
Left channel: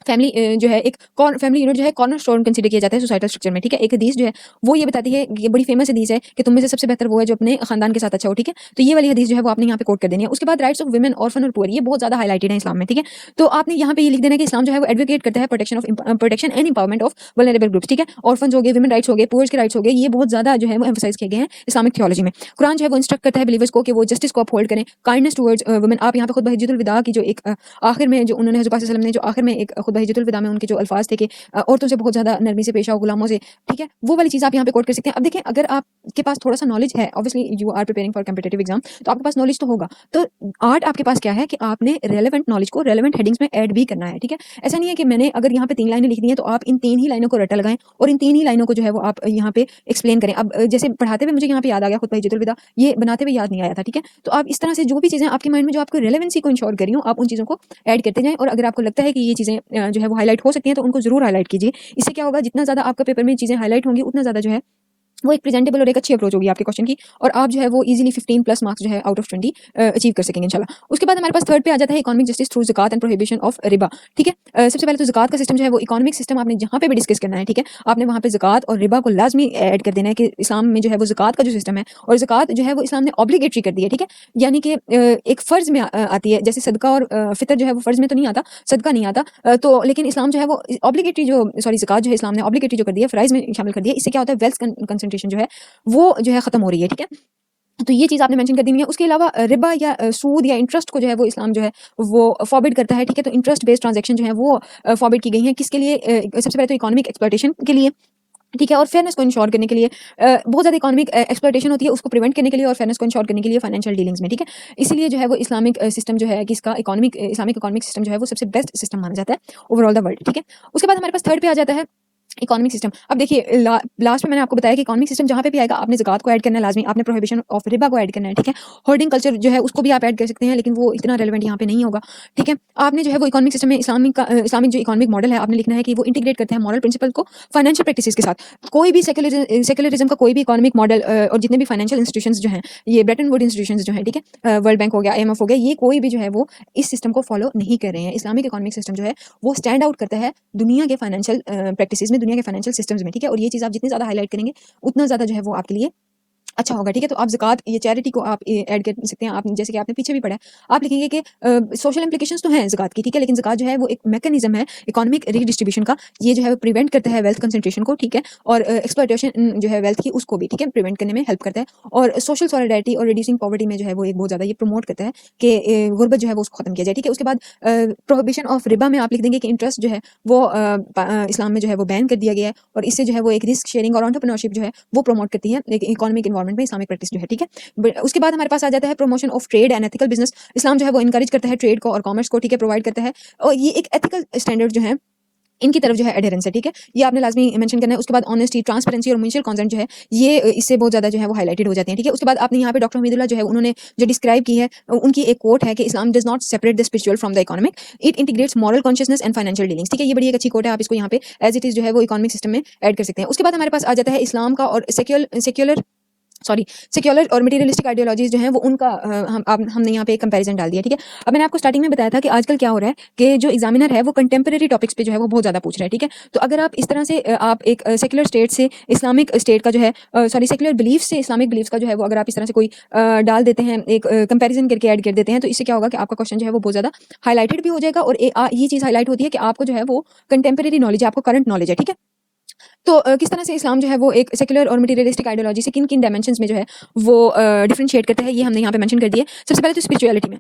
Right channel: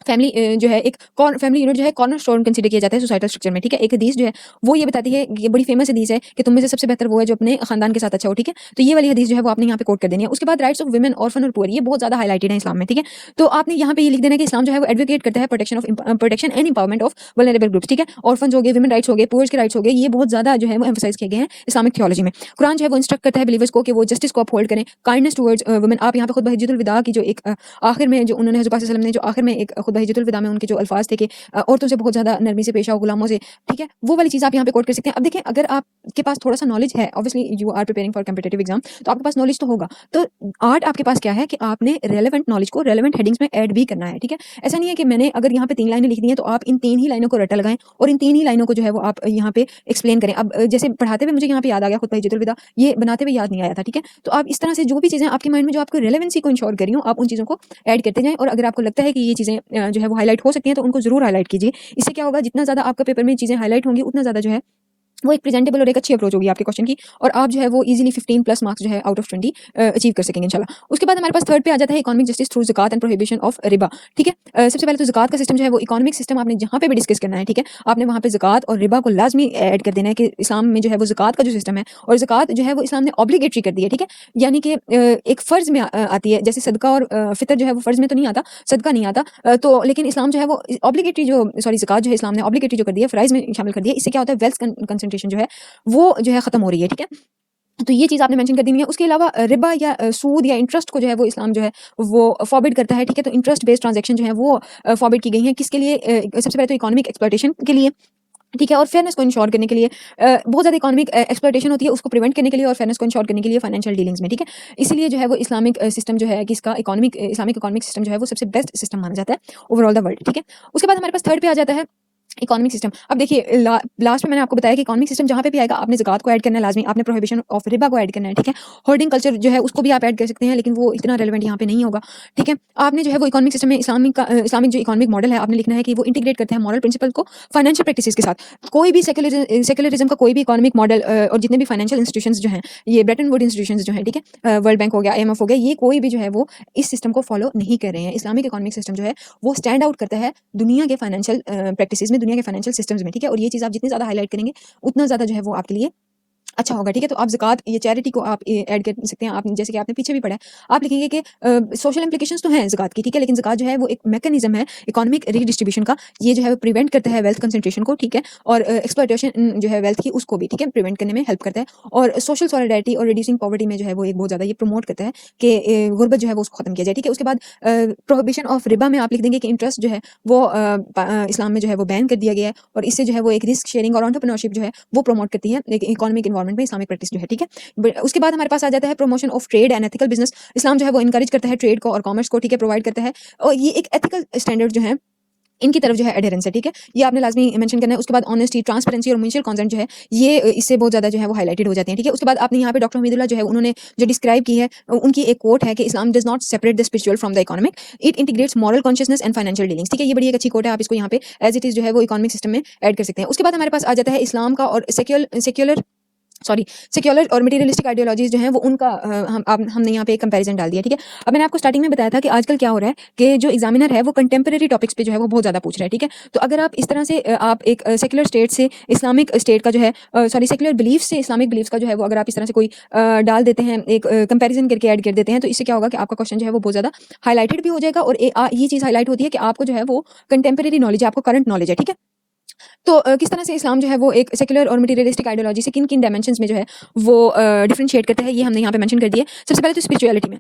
फैमिली जो है एक फैमिली यूनिट जो है कॉर्नरस्टोन कंसीडर किया जाता है सोसाइटल स्ट्रक्चर में, ठीक है? एक हदीस जो है वो ये बताती है, ये बड़ी फेमस हदीस है कि तुम में से सबसे बेहतर वो है जो अपने खानदान के साथ अच्छा हो, ठीक है? तो ये वाली हदीस जो है वो आपने यहाँ पे कोट कर देनी है। उसके बाद राइट्स ऑफ वुमेन, ऑर्फन और पुअर, ये बहुत ज़्यादा हाईलाइटेड है इस्लाम में, ठीक है? तो आपने यहाँ पे ये लिख देना है कि इस्लाम जो है वो एडवोकेट करता है protection and empowerment of vulnerable groups, ठीक है? ऑर्फन्स हो गए, वुमेन राइट्स हो गए, पुअर्स के राइट्स हो गए, ये बहुत ज़्यादा जो है वो एम्फसाइज किए गए हैं इस्लामिक थियोलॉजी में। कुरान जो है वो इंस्ट्रक्ट करता है बिलीवर्स को कि वो जस्टिस को अपहोल्ड करें, काइंडनेस टुवर्ड्स वुमेन। आप यहाँ पे खुतबा हिज्जतुल विदा की जो एक आखिर में जो उन्होंने हज़रत वसल्लम ने जो आखिर में एक खुतबा हिज्जतुल विदा में उनके जो अल्फाज थे कि औरतों से बहुत ज़्यादा नरमी से पेश आओ, गुलामों से, ठीक है? वो वाली चीज़ आप यहाँ पे कोट कर सकते हैं। अब देखिए, अगर आपके पास थोड़ा-सा नॉलेज है, obviously you are preparing for competitive exam, तो आपके पास नॉलेज तो होगा। तो आर्ट आपके पास क्या है कि आपने रेलेवेंट नॉलेज को रेलेवेंट हेडिंग्स में ऐड भी करना है, ठीक है? ऐसा नहीं है कि मैंने अगर यहाँ पे 3 लाइनें लिख दी हैं तो आप इन 3 ही लाइनों को रट्टा लगाएँ और इन 3 ही लाइनों को जो है वो आप यहाँ पे एक्सप्लेन करें। अब जैसे पढ़ाते हुए मुझे यहाँ पे याद आ गया खुतबा हिज्जतुल विदा, ये बनाते हुए याद नहीं आया था, ठीक है? तो आप इस तरह से जो भी चीज़ें आपके माइंड में जो आपको रेलेवेंसी को इंश्योर कर रही हों, आप उन चीज़ों को ऐड करते जाएँ और अगर आपको लगता है कि ये चीज़ें जो है वो हाइलाइट हो सकती हैं तो उनको ज़रूर हाइलाइट कीजिए। इससे क्या होगा, जितना ज़्यादा आपका पेपर में चीज़ें हाइलाइट होंगी उतना ज़्यादा जो है वो एक प्रेजेंटेबल और एक अच्छी अप्रोच होगी आपके क्वेश्चन की और आप जो है वो इजीली 15 प्लस मार्क्स जो है आउट ऑफ 20 अचीव कर सकेंगे इंशाल्लाह। उसके बाद हमारे पास थर्ड पे आ जाता है इकोनॉमिक जस्टिस थ्रू ज़कात एंड प्रोहिबिशन ऑफ रिबा, ठीक है? सबसे पहले तो ज़कात का सिस्टम जो है वो इकोनॉमिक सिस्टम आपने जहाँ पे भी डिस्कस करना है, ठीक है? आपने वहाँ पे ज़कात और रिबा को लाजमी ऐड कर देना है कि इस्लाम में जो है वो ज़कात का जो सिस्टम है और ज़कात जो है वो इस्लाम ने ऑब्लिगेटरी कर दी है, ठीक है? यानी कि एक फ़र्ज़ में आती है, जैसे सदका और फ़ितर जो है वो फ़र्ज़ में तो नहीं आता, सदका नहीं आता, तो लेकिन इस्लाम जो है वो ऑब्लिगेटरी जो सॉरी ज़कात जो है इस्लाम ने ऑब्लिगेटरी जो कर दी है, फ़राइज़ में शामिल कर दिया है। इससे क्या होता है, वेल्थ कंसंट्रेशन जो है वो जो है खत्म हो रही है, ठीक है? तो ये चीज़ आपने मेंशन कर दी है। उसके अलावा रिबा या सूद या इंटरेस्ट को जो है वो इस्लाम जो है वो फॉरबिड करता है, ठीक है? तो इंटरेस्ट बेस्ड ट्रांज़ैक्शन जो है वो फॉरबिड की गई हैं। किसके लिए? सबसे पहले तो इकोनॉमिक एक्सप्लॉयटेशन के लिए, ठीक है? और फेयरनेस को इंश्योर करने के लिए बहुत ज़्यादा इकोनॉमिक एक्सप्लॉयटेशन होती है, उसको प्रिवेंट करने के लिए और फेयरनेस को इंश्योर करने के लिए फाइनेंशियल डीलिंग्स में, ठीक है? इसीलिए जो है वो इस्लामिक सिस्टम जो है कि इसका इस्लामिक इकोनॉमिक सिस्टम जो है वो सबसे बेस्ट सिस्टम माना जाता है ओवरऑल द वर्ल्ड, ठीक है? उसके बाद हमारे पास थर्ड पे आ जाता है इकोनॉमिक सिस्टम। अब देखिए लास्ट में मैंने आपको बताया कि इकोनॉमिक सिस्टम जहाँ पे भी आएगा आपने ज़कात को ऐड करना है लाज़मी, आपने प्रोहिबिशन ऑफ रिबा को ऐड करना है, ठीक है? होर्डिंग कल्चर जो है उसको भी आप ऐड कर सकते हैं लेकिन वो इतना रेलेवेंट यहाँ पे नहीं होगा, ठीक है? आपने जो है वो इकोनॉमिक सिस्टम में इस्लामिक जो इकोनॉमिक मॉडल है आपने लिखना है कि वो इंटीग्रेट करता है मॉरल प्रिंसिपल को फाइनेंशियल प्रैक्टिसेस के साथ। कोई भी सेक्युलरिज्म का कोई भी इकोनॉमिक मॉडल और जितने भी फाइनेंशियल इंस्टीट्यूशंस जो हैं, ये ब्रेटन वुड इंस्टीट्यूशंस जो हैं, ठीक है? वर्ल्ड बैंक हो गया, IMF हो गया, ये कोई भी जो है वो इस सिस्टम को फॉलो नहीं कर रहे हैं। इस्लामिक इकोनॉमिक सिस्टम जो है वो स्टैंड आउट करता है दुनिया के फाइनेंशियल प्रैक्टिसेस में, दुनिया के फाइनेंशियल सिस्टम्स में, ठीक है? और ये चीज़ आप जितनी ज़्यादा हाइलाइट करेंगे उतना ज़्यादा जो है वो आपके लिए अच्छा होगा, ठीक है? तो आप ज़कात ये चैरिटी को आप ऐड कर सकते हैं। आप जैसे कि आपने पीछे भी पढ़ा है, आप लिखेंगे कि सोशल इम्प्लिकेशंस तो हैं ज़कात की, ठीक है? लेकिन ज़कात जो है वो एक मैकेनिज़्म है इकोनॉमिक रीडिस्ट्रीब्यूशन का। ये जो है प्रिवेंट करता है वेल्थ कंसंट्रेशन को, ठीक है? और एक्सप्लॉयटेशन जो है वेल्थ की उसको भी, ठीक है? प्रिवेंट करने में हेल्प करता है और सोशल सॉलिडारिटी और रिड्यूसिंग पॉवर्टी में जो है वो एक बहुत ज़्यादा ये प्रमोट करता है कि गुर्बत जो है वो उसको खत्म किया जाए, ठीक है? उसके बाद प्रोहिबिशन ऑफ रिबा में आप लिख देंगे कि इंटरेस्ट जो है वो इस्लाम में जो है वो बैन कर दिया गया है और इससे जो है वो एक रिस्क शेयरिंग और एंटरप्रेन्योरशिप जो है वो प्रमोट करती है एक इकोनॉमिक एनवायरनमेंट में इस्लामिक प्रैक्टिस जो है, ठीक है? उसके बाद हमारे पास आ जाता है promotion of trade and ethical business. इस्लाम जो है वो एनकरेज करता है ट्रेड को और कॉमर्स को, ठीक है? प्रोवाइड करता है और ये एक एथिकल स्टैंडर्ड जो है इनकी तरफ जो है एडहेरेंस है, ठीक है? ये आपने लाज़मी मेंशन करना है। उसके बाद ऑनेस्टी, ट्रांसपेरेंसी और म्यूचुअल कंसेंट जो है ये इससे बहुत ज़्यादा जो है वो हाइलाइटेड हो जाते हैं, ठीक है? उसके बाद आपने यहाँ पे डॉक्टर हमीदुल्लाह जो है उन्होंने जो डिस्क्राइब की है उनकी एक कोट है कि Islam does not separate the spiritual from the economic, it integrates moral consciousness and financial dealings, ठीक है? ये बड़ी एक अच्छी कोट है, आप इसको यहाँ पे एज़ इट इज़ जो है वो इकोनॉमिक सिस्टम में ऐड कर सकते हैं। उसके बाद हमारे पास आ जाता है इस्लाम का और सेक्युलर और मटेरियलिस्टिक आइडियोलॉजीज जो है वो उनका हमने यहाँ पे एक कंपैरिजन डाल दिया, ठीक है? अब मैंने आपको स्टार्टिंग में बताया था कि आजकल क्या हो रहा है कि जो एग्जामिनर है वो कंटेम्प्रेरी टॉपिक्स पे जो है वो बहुत ज़्यादा पूछ रहा है, ठीक है? तो अगर आप इस तरह से आप एक सेक्युलर स्टेट से इस्लामिक स्टेट का जो है सेक्युलर बिलीफ से इस्लामिक बिलीफ का जो है वो अगर आप इस तरह से कोई डाल देते हैं, एक कंपेरिजन करके ऐड कर देते हैं, तो इससे क्या होगा कि आपका क्वेश्चन जो है वो बहुत ज़्यादा हाईलाइटेड भी हो जाएगा और ये चीज़ हाईलाइट होती है कि आपको जो है वो कंटेम्प्रेरी नॉलेज है, आपको करंट नॉलेज है, ठीक है? तो किस तरह से इस्लाम जो है वो एक सेक्युलर और मटेरियलिस्टिक आइडियोलॉजी से किन-किन डायमेंशंस में जो है वो डिफरेंशिएट करता है, ये हमने यहाँ पे मेंशन कर दिया है। सबसे पहले तो स्पिरिचुअलिटी में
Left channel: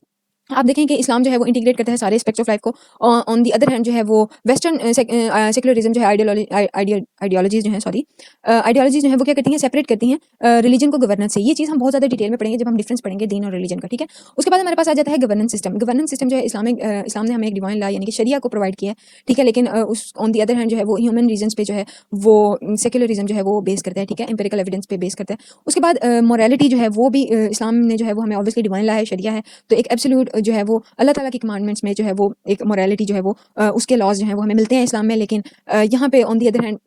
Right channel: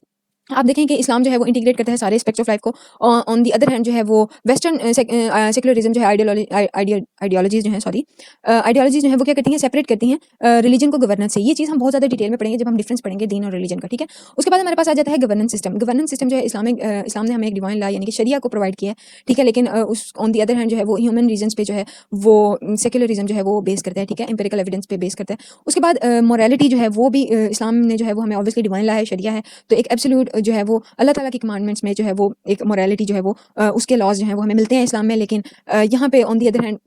आप देखें कि इस्लाम जो है वो इंटीग्रेट करता है सारे एस्पेक्ट्स ऑफ लाइफ को। ऑन द अदर हैंड जो जो है वो वेस्टर्न सेक्युलरिज्म जो है आइडियोलॉजीज जो है, सॉरी, आइडियोलॉजीज जो है वो क्या करती है, सेपरेट करती हैं रिलीजन को गवर्नेंस से। ये चीज़ हम बहुत ज़्यादा डिटेल में पढ़ेंगे जब हम डिफरेंस पढ़ेंगे दीन और रिलीजन का, ठीक है। उसके बाद हमारे पास आ जाता है गवर्नेंस सिस्टम। गवर्नेंस सिस्टम जो है इस्लाम ने हमें एक डिवाइन लॉ यानी कि शरिया को प्रोवाइड किया है, ठीक है। लेकिन उस ऑन दी अदर हैंड जो है वो ह्यूमन रीजन्स पे जो है वो सेक्युलरिज्म जो है वो बेस करता है, ठीक है, एम्पिरिकल एविडेंस पे बेस करता है। उसके बाद मोरालिटी जो है वो भी इस्लाम ने जो है वो हमें ऑब्वियसली डिवाइन लॉ है, शरिया है, तो एक एब्सोल्यूट जो है वो अल्लाह ताला की कमांडमेंट्स में जो है वो एक मोरालिटी जो है वो उसके लॉज जो है वो हमें मिलते हैं इस्लाम में। लेकिन यहाँ पे on the other hand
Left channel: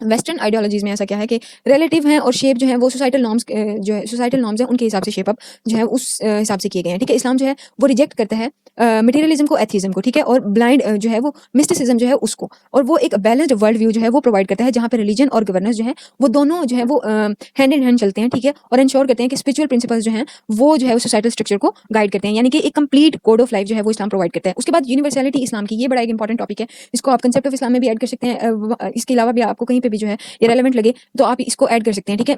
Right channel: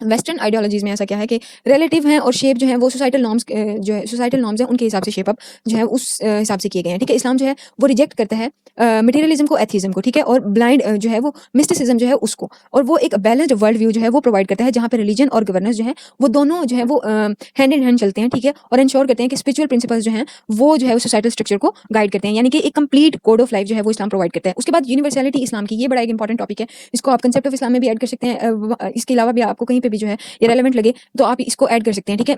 western ideologies में ऐसा क्या है कि रिलेटिव है और शेप जो है वो सोसाइटल नॉर्म्स जो है सोसाइटल नॉर्म्स है उनके हिसाब से शेप अप जो है उस हिसाब से किए गए हैं, ठीक है। इस्लाम जो है वो रिजेक्ट करता है मटेरियलिज्म को, एथीज्म को, ठीक है, और ब्लाइंड जो है वो मिस्टिसिज्म जो है उसको, और वो एक बैलेंस्ड वर्ल्ड व्यू जो है वो प्रोवाइड करता है जहाँ पे रिलीजन और गवर्नेंस जो है वो दोनों जो है वो हैंड इन हैंड चलते हैं, ठीक है, और इंश्योर करते हैं कि स्पिरिचुअल प्रिंसिपल्स जो है वो जो है सोसाइटल स्ट्रक्चर को गाइड करते हैं, यानी कि एक कंप्लीट कोड ऑफ लाइफ जो है वो इस्लाम प्रोवाइड करता है। उसके बाद यूनिवर्सलिटी इस्लाम की, ये बड़ा एक इंपॉर्टेंट टॉपिक है, इसको आप कंसेप्ट ऑफ इस्लाम में भी ऐड कर सकते हैं। इसके अलावा भी आपको कहीं पे भी जो है ये रेलेवेंट लगे तो आप इसको ऐड कर सकते हैं, ठीक है।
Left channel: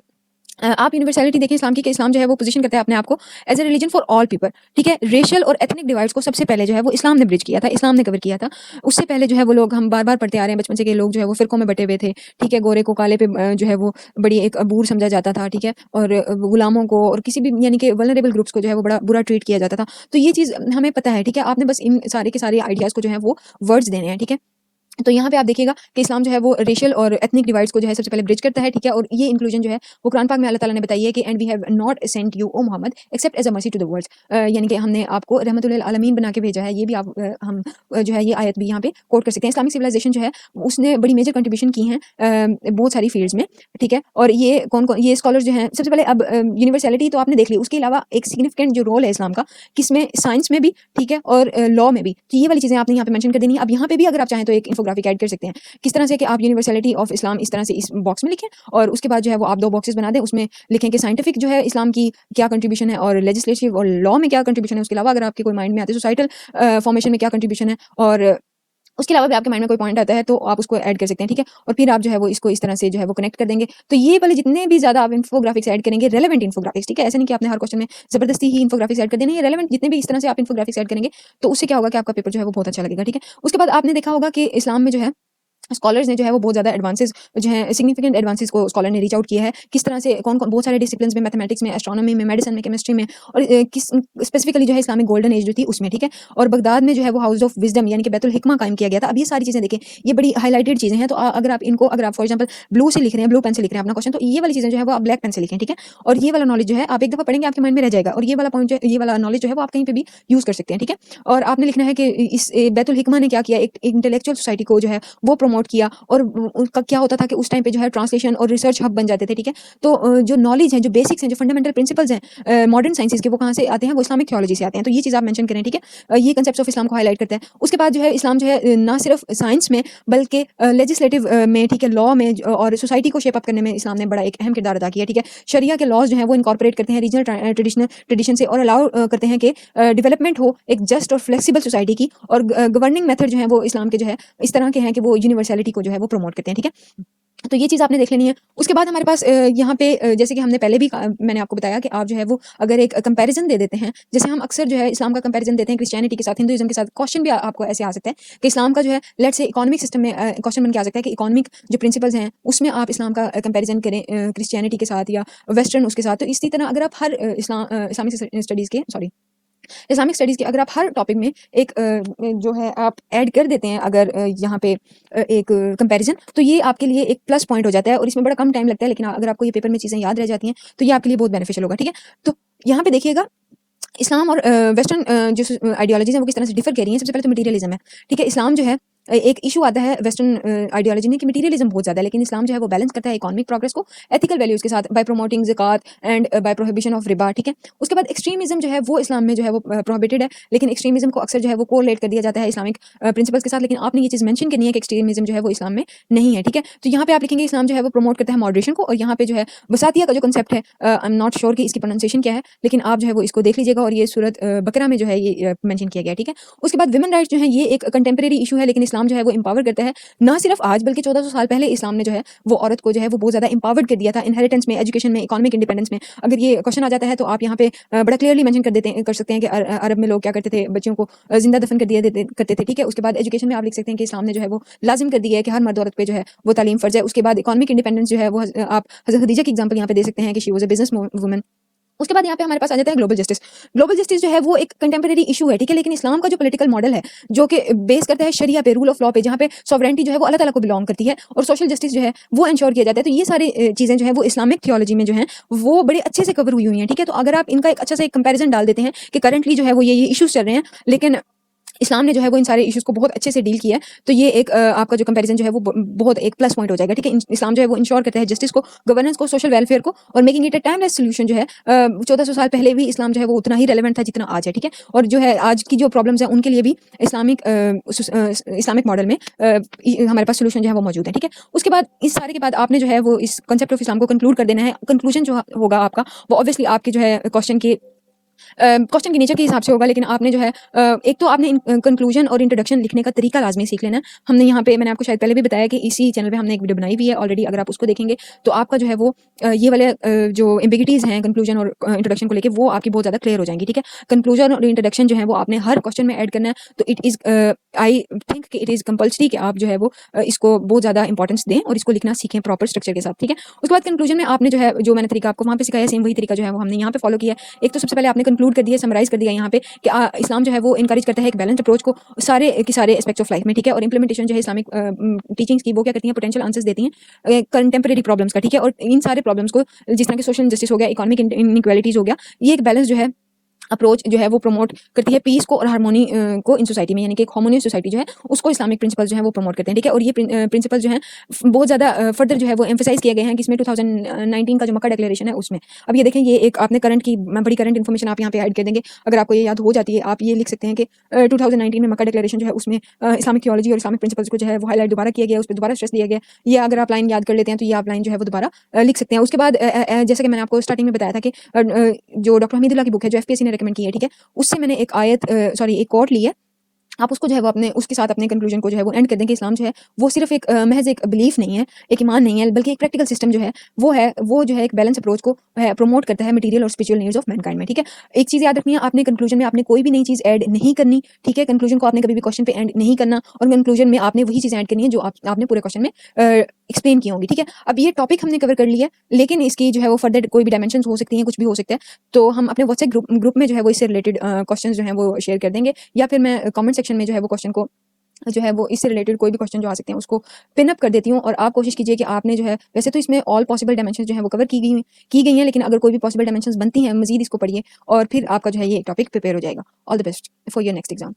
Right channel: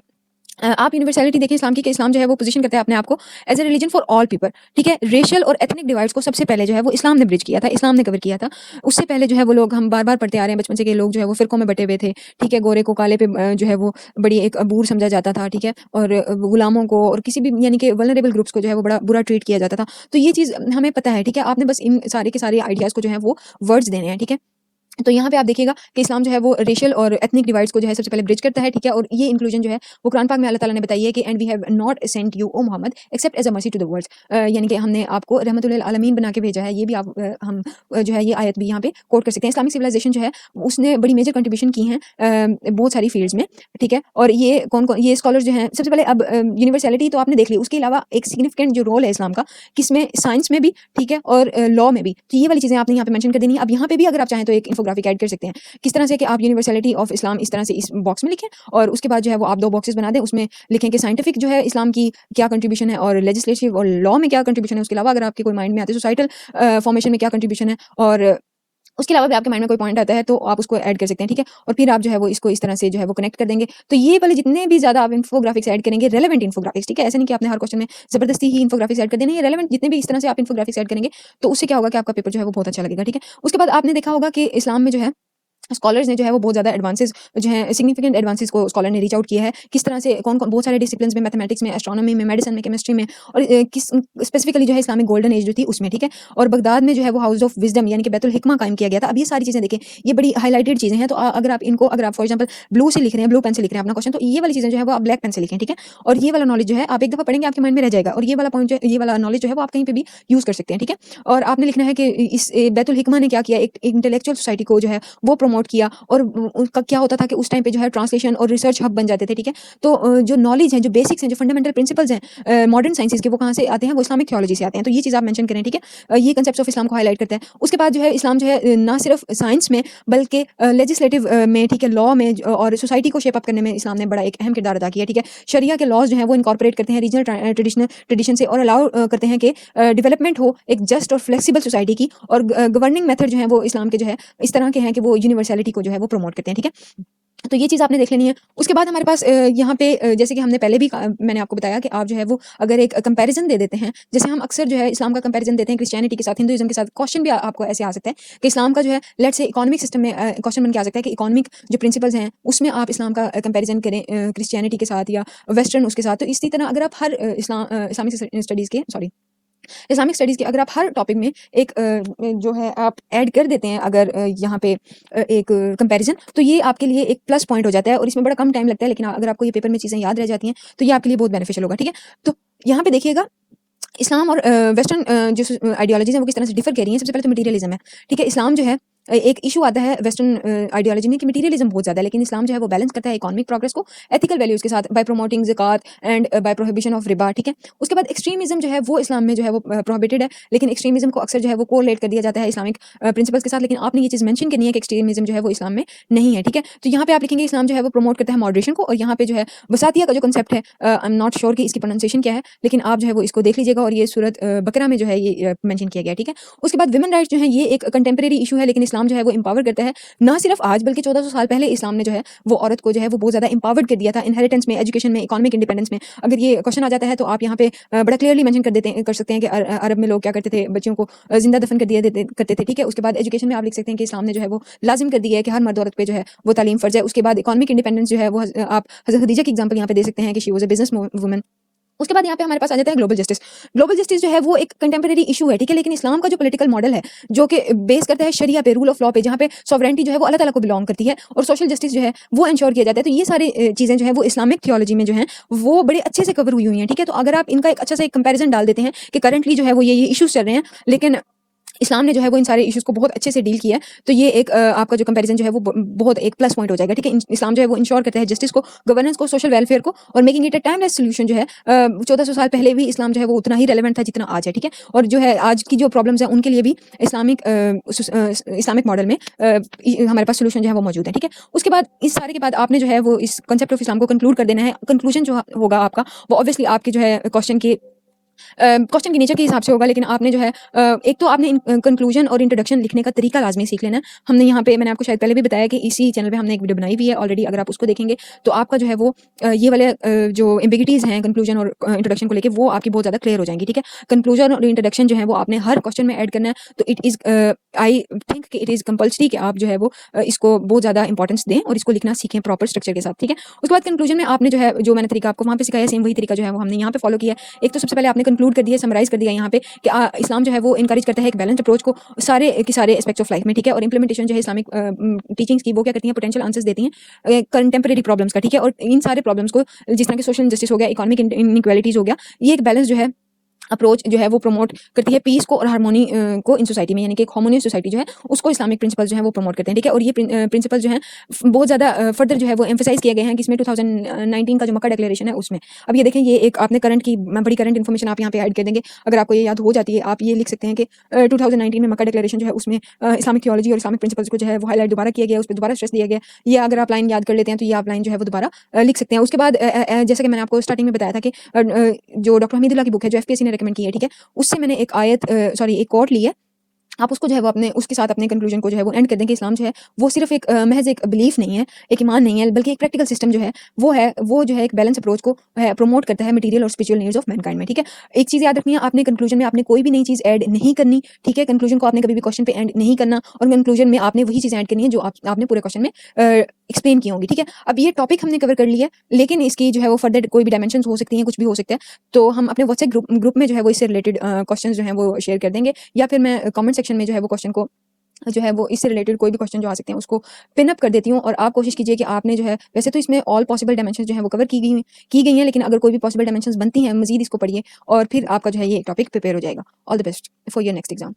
आप यूनिवर्सलिटी देखें इस्लाम की कि इस्लाम जो है वो पोजीशन करता है अपने आप को as a religion for all people, ठीक है। रेशियल और एथनिक डिवाइड्स को सबसे पहले जो है वो इस्लाम ने ब्रिज किया था, इस्लाम ने कवर किया था। उससे पहले जो है वो लोग, हम बार बार पढ़ते आ रहे हैं बचपन से, के लोग जो है वो फिरकों में बटे हुए थे, ठीक है, गोरे को काले पे जो है वो बड़ी एक अबूर समझा जाता था, ठीक है, और गुलामों को और किसी भी यानी कि वल्नरेबल ग्रुप्स को जो है वो बड़ा बुरा ट्रीट किया जाता था। तो ये चीज़ हमें पता है, ठीक है। आपने बस इन सारे के सारे आइडियाज़ को जो है वो वर्ड्स देने हैं, ठीक है। तो यहाँ पे आप देखिएगा कि इस्लाम जो है वो रेशियल और एथनिक डिवाइड्स को जो है सबसे पहले ब्रिज करता है, ठीक है, और ये इंक्लूजन जो है वो कुरान पाक में अल्लाह ताला ने बताई है कि and we have not sent you O Muhammad except as a mercy to the worlds, यानी कि हमने आपको रहमतुल लिल आलमीन बना के भेजा है। ये भी आप हम जो है ये आयत भी यहाँ पे कोट कर सकते हैं। इस्लामिक सिविलाइजेशन जो है उसने बड़ी मेजर कंट्रीब्यूशन की है बहुत सारी फील्ड्स में, ठीक है, और ये कौन कौन ये स्कॉलर्स जो हैं, सबसे पहले अब यूनिवर्सलिटी तो आपने देख ली, उसके अलावा एक सिग्निफिकेंट जो रोल है इस्लाम का, किसमें, साइंस में भी, ठीक है, और लॉ में भी, तो ये वाली चीज़ें आपने यहाँ पे मेंशन कर देनी है। अब यहाँ पे भी अगर आप चाहें तो एक इंफोग्राफिक ऐड कर सकते हैं, किस तरह से कि आप यूनिवर्सलिटी ऑफ इस्लाम इस तरह से इस बॉक्स में लिखें, और उसके बाद जो है वो आप 2 बॉक्सेस बना दें, उसमें लिखें कि साइंटिफिक जो है इस्लाम की क्या कंट्रीब्यूशन है, और लेजिस्लेटिव और लॉ में क्या कंट्रीब्यूशन है। उसके अलावा अगर आपके कोई माइंड में आते हैं सोसाइटल फॉर्मेशन में क्या कंट्रीब्यूशन है, और उसके अलावा भी आपके माइंड में कोई पॉइंट आता है तो आप उसको ऐड कर सकते हैं, ठीक है, और फिर आप जो है वो इसको इस तरह से जो है वो कनेक्ट कर देंगे। तो ये वाले जितने भी ज़्यादा आप इन्फोग्राफिक्स ऐड करेंगे, रेलेवेंट इन्फोग्राफिक्स, ठीक है, ऐसा नहीं कि आपने हर क्वेश्चन में जबरदस्ती ही इन्फोग्राफिक्स ऐड कर देनी है, रेलेवेंट जितने भी इस तरह से आप इन्फोग्राफिक्स ऐड करेंगे तो उससे क्या होगा कि आपका पेपर जो है वो बहुत अच्छा लगेगा, ठीक है। उसके बाद आपने देखा होगा कि इस्लाम में जो है स्कॉलर्स ने जो है वो बहुत ज़्यादा एडवांसेस जो है सिग्निफिकेंट एडवांसेस को स्कॉलर ने रीच आउट किया है, किस तरह से कौन कौन बहुत सारे डिसिप्लिन्स में, मैथमेटिक्स में, एस्ट्रोनॉमी में, मेडिसिन में, केमिस्ट्री में, और किस स्पेसिफिकली जो है इस्लामिक गोल्डन एज जो थी उसमें, ठीक है, और बगदाद में जो है वो हाउस ऑफ विजडम यानी कि बैतुल हिकमा कायम किया गया था। अब ये सारी चीज़ें देखें, ये बड़ी हाईलाइटेड चीज़ें हैं, तो अगर आप इनको, अगर आप फॉर एग्जाम्पल ब्लू से लिख रहे हैं, ब्लू पेन से लिख रहे हैं अपना क्वेश्चन, तो ये वाली चीज़ें जो है वो आप ब्लैक पेन से लिखें, ठीक है, और ये वाला नॉलेज जो है आप एक दफ़ा पढ़ेंगे आपके माइंड में रह जाएगा, और ये वाला पॉइंट जो ये वाला नॉलेज जो है वो आप कहीं पे भी यूज़ कर सकते हैं, ठीक है। और आपने लिखना है कि इस बैतुल हिकमा ने क्या किया, एक इंटेलेक्चुअल सोसाइटी को जो है वो प्रमोट किया, और उनका क्या होता था कि उस टाइम पे जो है ट्रांसलेशन और रिसर्च हब बन जाते थे, ठीक है। तो जो नॉलेज है, जो बेसिक्स हैं, जो फंडामेंटल प्रिंसिपल्स हैं मॉडर्न साइंसेज के, वो कहाँ से आते हैं, वो इस्लामिक थियोलॉजी से आते हैं। तो ये चीज़ आप मेंशन करें, ठीक है। ये कंसेप्ट्स ऑफ इस्लाम को हाईलाइट करता है। उसके बाद जो है इस्लाम जो है ना सिर्फ साइंस में बल्कि लेजिस्लेटिव में, ठीक है, लॉ में और सोसाइटी को शेप अप करने में इस्लाम ने बड़ा एक अहम किरदार अदा किया, ठीक है। शरिया के लॉज जो है वो इनकॉर्पोरेट करते हैं रीजनल ट्रेडिशन से, और अलाउ करते हैं कि डेवलपमेंट हो एक जस्ट और फ्लेक्सिबल सोसाइटी की, और गवर्निंग मेथड जो है वो इस्लाम के जो है इस तरह के हैं कि वो यूनिवर्सलिटी को जो है वो प्रमोट करते हैं, ठीक है। तो ये चीज़ आपने देख लेनी है। उसके बाद हमारे पास यहाँ पे जैसे कि हमने पहले भी मैंने आपको बताया कि आप जो है वो अगर एक कंपैरिजन दे देते हैं, जैसे हम अक्सर जो है इस्लाम का कंपैरिजन देते हैं क्रिश्चियनिटी के साथ, हिंदुइज्म के साथ, क्वेश्चन भी आपको ऐसे आ सकता है कि इस्लाम का जो है लेट्स से इकोनॉमिक सिस्टम में क्वेश्चन बन के आ सकता है कि इकोनॉमिक जो प्रिंसिपल्स हैं उसमें आप इस्लाम का कंपैरिजन करें क्रिश्चियनिटी के साथ या वेस्टर्न उसके साथ। तो इसी तरह अगर आप हर इस्लामिक स्टडीज़ के, सॉरी, इस्लामिक स्टडीज़ के अगर आप हर टॉपिक में एक जो है आप ऐड कर देते हैं, अगर यहाँ पे एक कंपैरिजन, तो ये आपके लिए एक प्लस पॉइंट हो जाता है, और इसमें बड़ा कम टाइम लगता है, लेकिन अगर आपको ये पेपर में चीज़ें याद रह जाती हैं तो ये आपके लिए बहुत बेनिफिशियल होगा, ठीक है। तो यहाँ पे देखिएगा इस्लाम और वेस्टर्न जो आइडियोलॉजीज़ हैं वो किस तरह से डिफर कर रही हैं। सबसे पहले तो मटेरियलिज्म है, ठीक है। इस्लाम जो है एक इशू आता है वेस्टर्न आइडियोलॉजी में कि मटेरियलिज्म बहुत ज़्यादा है, लेकिन इस्लाम जो है वो बैलेंस करता है इकोनॉमिक प्रोग्रेस को एथिकल वैल्यूज़ के साथ बाय प्रमोटिंग ज़कात एंड बाय प्रोहिबिशन ऑफ रिबा, ठीक है। उसके बाद एक्सट्रीमिज्म जो है वो इस्लाम में जो है वो प्रोहिबिटेड है, लेकिन एक्सट्रीमिज्म को अक्सर जो है वो कोरिलेट कर दिया जाता है इस्लामिक प्रिंसिपल्स के साथ, लेकिन आपने ये चीज़ मेंशन करनी है कि एक्सट्रीमिज्म जो है वो इस्लाम में नहीं है, ठीक है। तो यहाँ पे आप लिखेंगे इस्लाम जो है वो प्रमोट करता है मॉडरेशन को, और यहाँ पे जो है वसातिया का जो कंसेप्ट है, आई एम नॉट श्योर कि इसकी प्रोनाउंसिएशन क्या है, लेकिन आप जो है वो इसको देख लीजिएगा, और ये सूरत बकरा में जो है ये मेंशन किया गया है, ठीक है। उसके बाद वुमेन राइट्स जो है ये एक कंटेम्प्रेरी इशू है, लेकिन इस्लाम जो है वो एम्पावर करता है, ना सिर्फ आज बल्कि 1400 साल पहले इस्लाम ने जो है वो औरत को जो है वो बहुत ज़्यादा एम्पावर्ड कर दिया था इनहेरिटेंस में, एजुकेशन में, इकोनॉमिक इंडिपेंडेंस में। अगर ये क्वेश्चन आ जाता है तो आप यहाँ पे बड़ा क्लियरली मेंशन कर सकते हैं कि अरब में लोग क्या करते थे, बच्चों को जिंदा दफन कर दिया करते थे, ठीक है। उसके बाद एजुकेशन में आप लिख सकते हैं कि इस्लाम ने जो है वो लाजिम कर दिया है कि हर मर्द औरत पे जो है वो तालीम फर्ज है। उसके बाद इकोनॉमिक इंडिपेंडेंस जो है वो आप हज़रत खदीजा की एग्जांपल यहाँ पे दे सकते हैं कि she was a business woman. उसके बाद यहाँ पे हमारे पास आ जाता है ग्लोबल जस्टिस। ग्लोबल जस्टिस जो है वो एक कंटेम्परेरी इशू है, ठीक है, लेकिन इस्लाम का जो पॉलिटिकल मॉडल है जो कि बेस करता है शरिया पे, रूल ऑफ लॉ पे, जहाँ पे सॉवरेंटी जो है वो अल्लाह ताला को बिलोंग करती है और सोशल जस्टिस जो है वो इंश्योर किया जाता है। तो ये सारी चीज़ें जो है वो इस्लामिक थियोलॉजी में जो है वो बड़ी अच्छे से कवर हुई हैं, ठीक है। तो अगर आप इनका एक अच्छा सा एक कंपेरिजन डाल देते हैं कि करंटली जो है वो ये इशूज चल रहे हैं, लेकिन इस्लाम ने जो है वो इन सारे इश्यूज को बहुत अच्छे से डील किया है, तो ये एक आपका जो कंपैरिजन जो है वो बहुत एक प्लस पॉइंट हो जाएगा, ठीक है। इस्लाम जो है वो इंश्योर करता है जस्टिस को, गवर्नेंस को, सोशल वेलफेयर को, और making it a timeless solution जो है 1400 साल पहले भी इस्लाम जो है वो उतना ही रेलेवेंट था जितना आज है, ठीक है। और जो है आज की जो प्रॉब्लम्स है उनके लिए भी इस्लामिक मॉडल में हमारे पास सोल्यूशन जो है वो मौजूद है, ठीक है। उसके बाद इस सारे के बाद आपने जो है वो इस कंसेप्ट ऑफ इस्लाम को कंक्लूड कर देना है। कंक्लूजन जो होगा आपका वो ऑब्वियसली आपकी जो है क्वेश्चन के नीचे के हिसाब से होगा, लेकिन आपने जो है एक तो आपने कंक्लूजन और इंट्रोडक्शन लिखने का तरीका लाजमी सीख लेना। हमने यहाँ पे मैंने आपको शायद पहले भी बताया कि इसी चैनल पे हमने एक वीडियो बनाई हुई है ऑलरेडी, अगर आप उसको देखेंगे तो आपका जो है वो ये वाले जो एम्बिगिटीज हैं कंक्लूजन और इंट्रोडक्शन को लेके वो आपकी बहुत ज़्यादा क्लियर हो जाएंगी, ठीक है। कंक्लूजन और इंट्रोडक्शन जो है वो आपने हर क्वेश्चन में ऐड करना है, तो इट इज़ आई थिंक कि इट इज़ कंपल्सरी कि आप जो है वो इसको बहुत ज़्यादा इंपॉर्टेंस दें और इसको लिखना सीखें प्रॉपर स्ट्रक्चर के साथ, ठीक है। उसके बाद कंक्लूजन में आपने जो है जो मैंने तरीका आपको वहाँ पे सिखाया सेम वही तरीका जो है वो हमने यहाँ पे फॉलो किया है। एक तो सबसे पहले आपने कंक्लूड कर दिया, समराइज कर दिया यहाँ पे कि इस्लाम जो है वो इनकरेज करता है एक बैलेंस अप्रोच को सारे के सारे एस्पेक्ट्स ऑफ लाइफ में, ठीक है। और इंप्लीमेंटेशन जो है इस्लामिक टीचिंग्स की वो क्या करती हैं, पोटेंशियल आंसर्स देती हैं कंटेम्परेरी प्रॉब्लम्स का, ठीक है। और इन सारे प्रॉब्लम्स को जिस तरह की सोशल जस्टिस हो गया, इकोनॉमिक इनइक्वालिटीज हो गया, ये एक बैलेंस जो है अप्रोच जो है वो प्रमोट करती है पीस को और हार्मोनी को इन सोसाइटी में, यानी कि एक हार्मोनियस सोसाइटी जो है उसको इस्लामिक प्रिंसिपल जो है वो प्रमोट करते हैं, ठीक है। और ये प्रिंसिपल जो है बहुत ज़्यादा फर्दर जो है वो एम्फेसाइज किए गए हैं किसमें 2019 का जो मक्का डिक्लेरेशन है उसमें। अब ये देखें, ये एक आपने करंट की बड़ी करंट इन्फॉर्मेशन आप यहाँ पे ऐड कर देंगे, अगर आपको ये याद हो जाती है आप ये लिख सकते हैं कि 2019 में मक्का डिक्लेरेशन जो है उसमें इस्लामिक थियोलॉजी और इस्लामिक प्रिंसिपल्स को जो है वो हाईलाइट दोबारा किया गया, उस पर दोबारा स्ट्रेस दिया गया। ये अगर आप लाइन याद कर लेते हैं तो ये आप लाइन जो है वो दोबारा लिख सकते हैं। उसके बाद जैसे कि मैंने आपको स्टार्टिंग में बताया था कि जो डॉक्टर हमीदुल्लाह की बुक है जो एफपीएससी ने रिकमेंड की है, ठीक है, उससे मैंने एक एक कोट ली है। आप उसको जो है वो अपने उसके साथ अपने कंक्लूजन को जो है वो एंड कर दें कि इस्लाम जो है वो सिर्फ एक महज एक बिलीफ नहीं है, एक ईमान नहीं है, बल्कि एक प्रैक्टिकल सिस्टम जो है वो जो है एक बैलेंस अप्रोच को प्रमोट करता है मटेरियल और स्पिरिचुअल नीड्स ऑफ मैनकाइंड में, ठीक है। एक चीज़ याद रखनी है, आपने कंक्लूजन में आपने कोई भी नई चीज़ ऐड नहीं करनी, ठीक है। कंक्लूजन को आपने कभी भी क्वेश्चन पे एंड नहीं करना, और कंक्लूजन में आपने वही चीज़ ऐड करनी है जो आपने पूरे क्वेश्चन में एक्सप्लेन की होंगी, ठीक है। अब ये टॉपिक हमने कवर कर लिया, लेकिन इसके जो है वो फर्दर कोई भी डायमेंशन हो सकती है, कुछ भी हो सकते हैं, तो हम अपने व्हाट्सएप ग्रुप में जो है वो इससे रिलेटेड क्वेश्चन जो है वो शेयर कर देंगे, या फिर मैं कमेंट सेक्शन में जो है वो क्वेश्चन को जो है वो इससे रिलेटेड कोई भी क्वेश्चन जो आ सकते हैं उसको पिन अप कर देती हूँ। और आप कोशिश कीजिए कि आपने जो है, वैसे तो इसमें ऑल पॉसिबल डायमेंशन जो है वो कवर की गई हैं, लेकिन अगर कोई भी पॉसिबल डायमेंशंस बनती हैं मजीद इसको पढ़िए और फिर आपका जो है ये टॉपिक प्रिपेयर हो जाएगा। All the best for your next exam.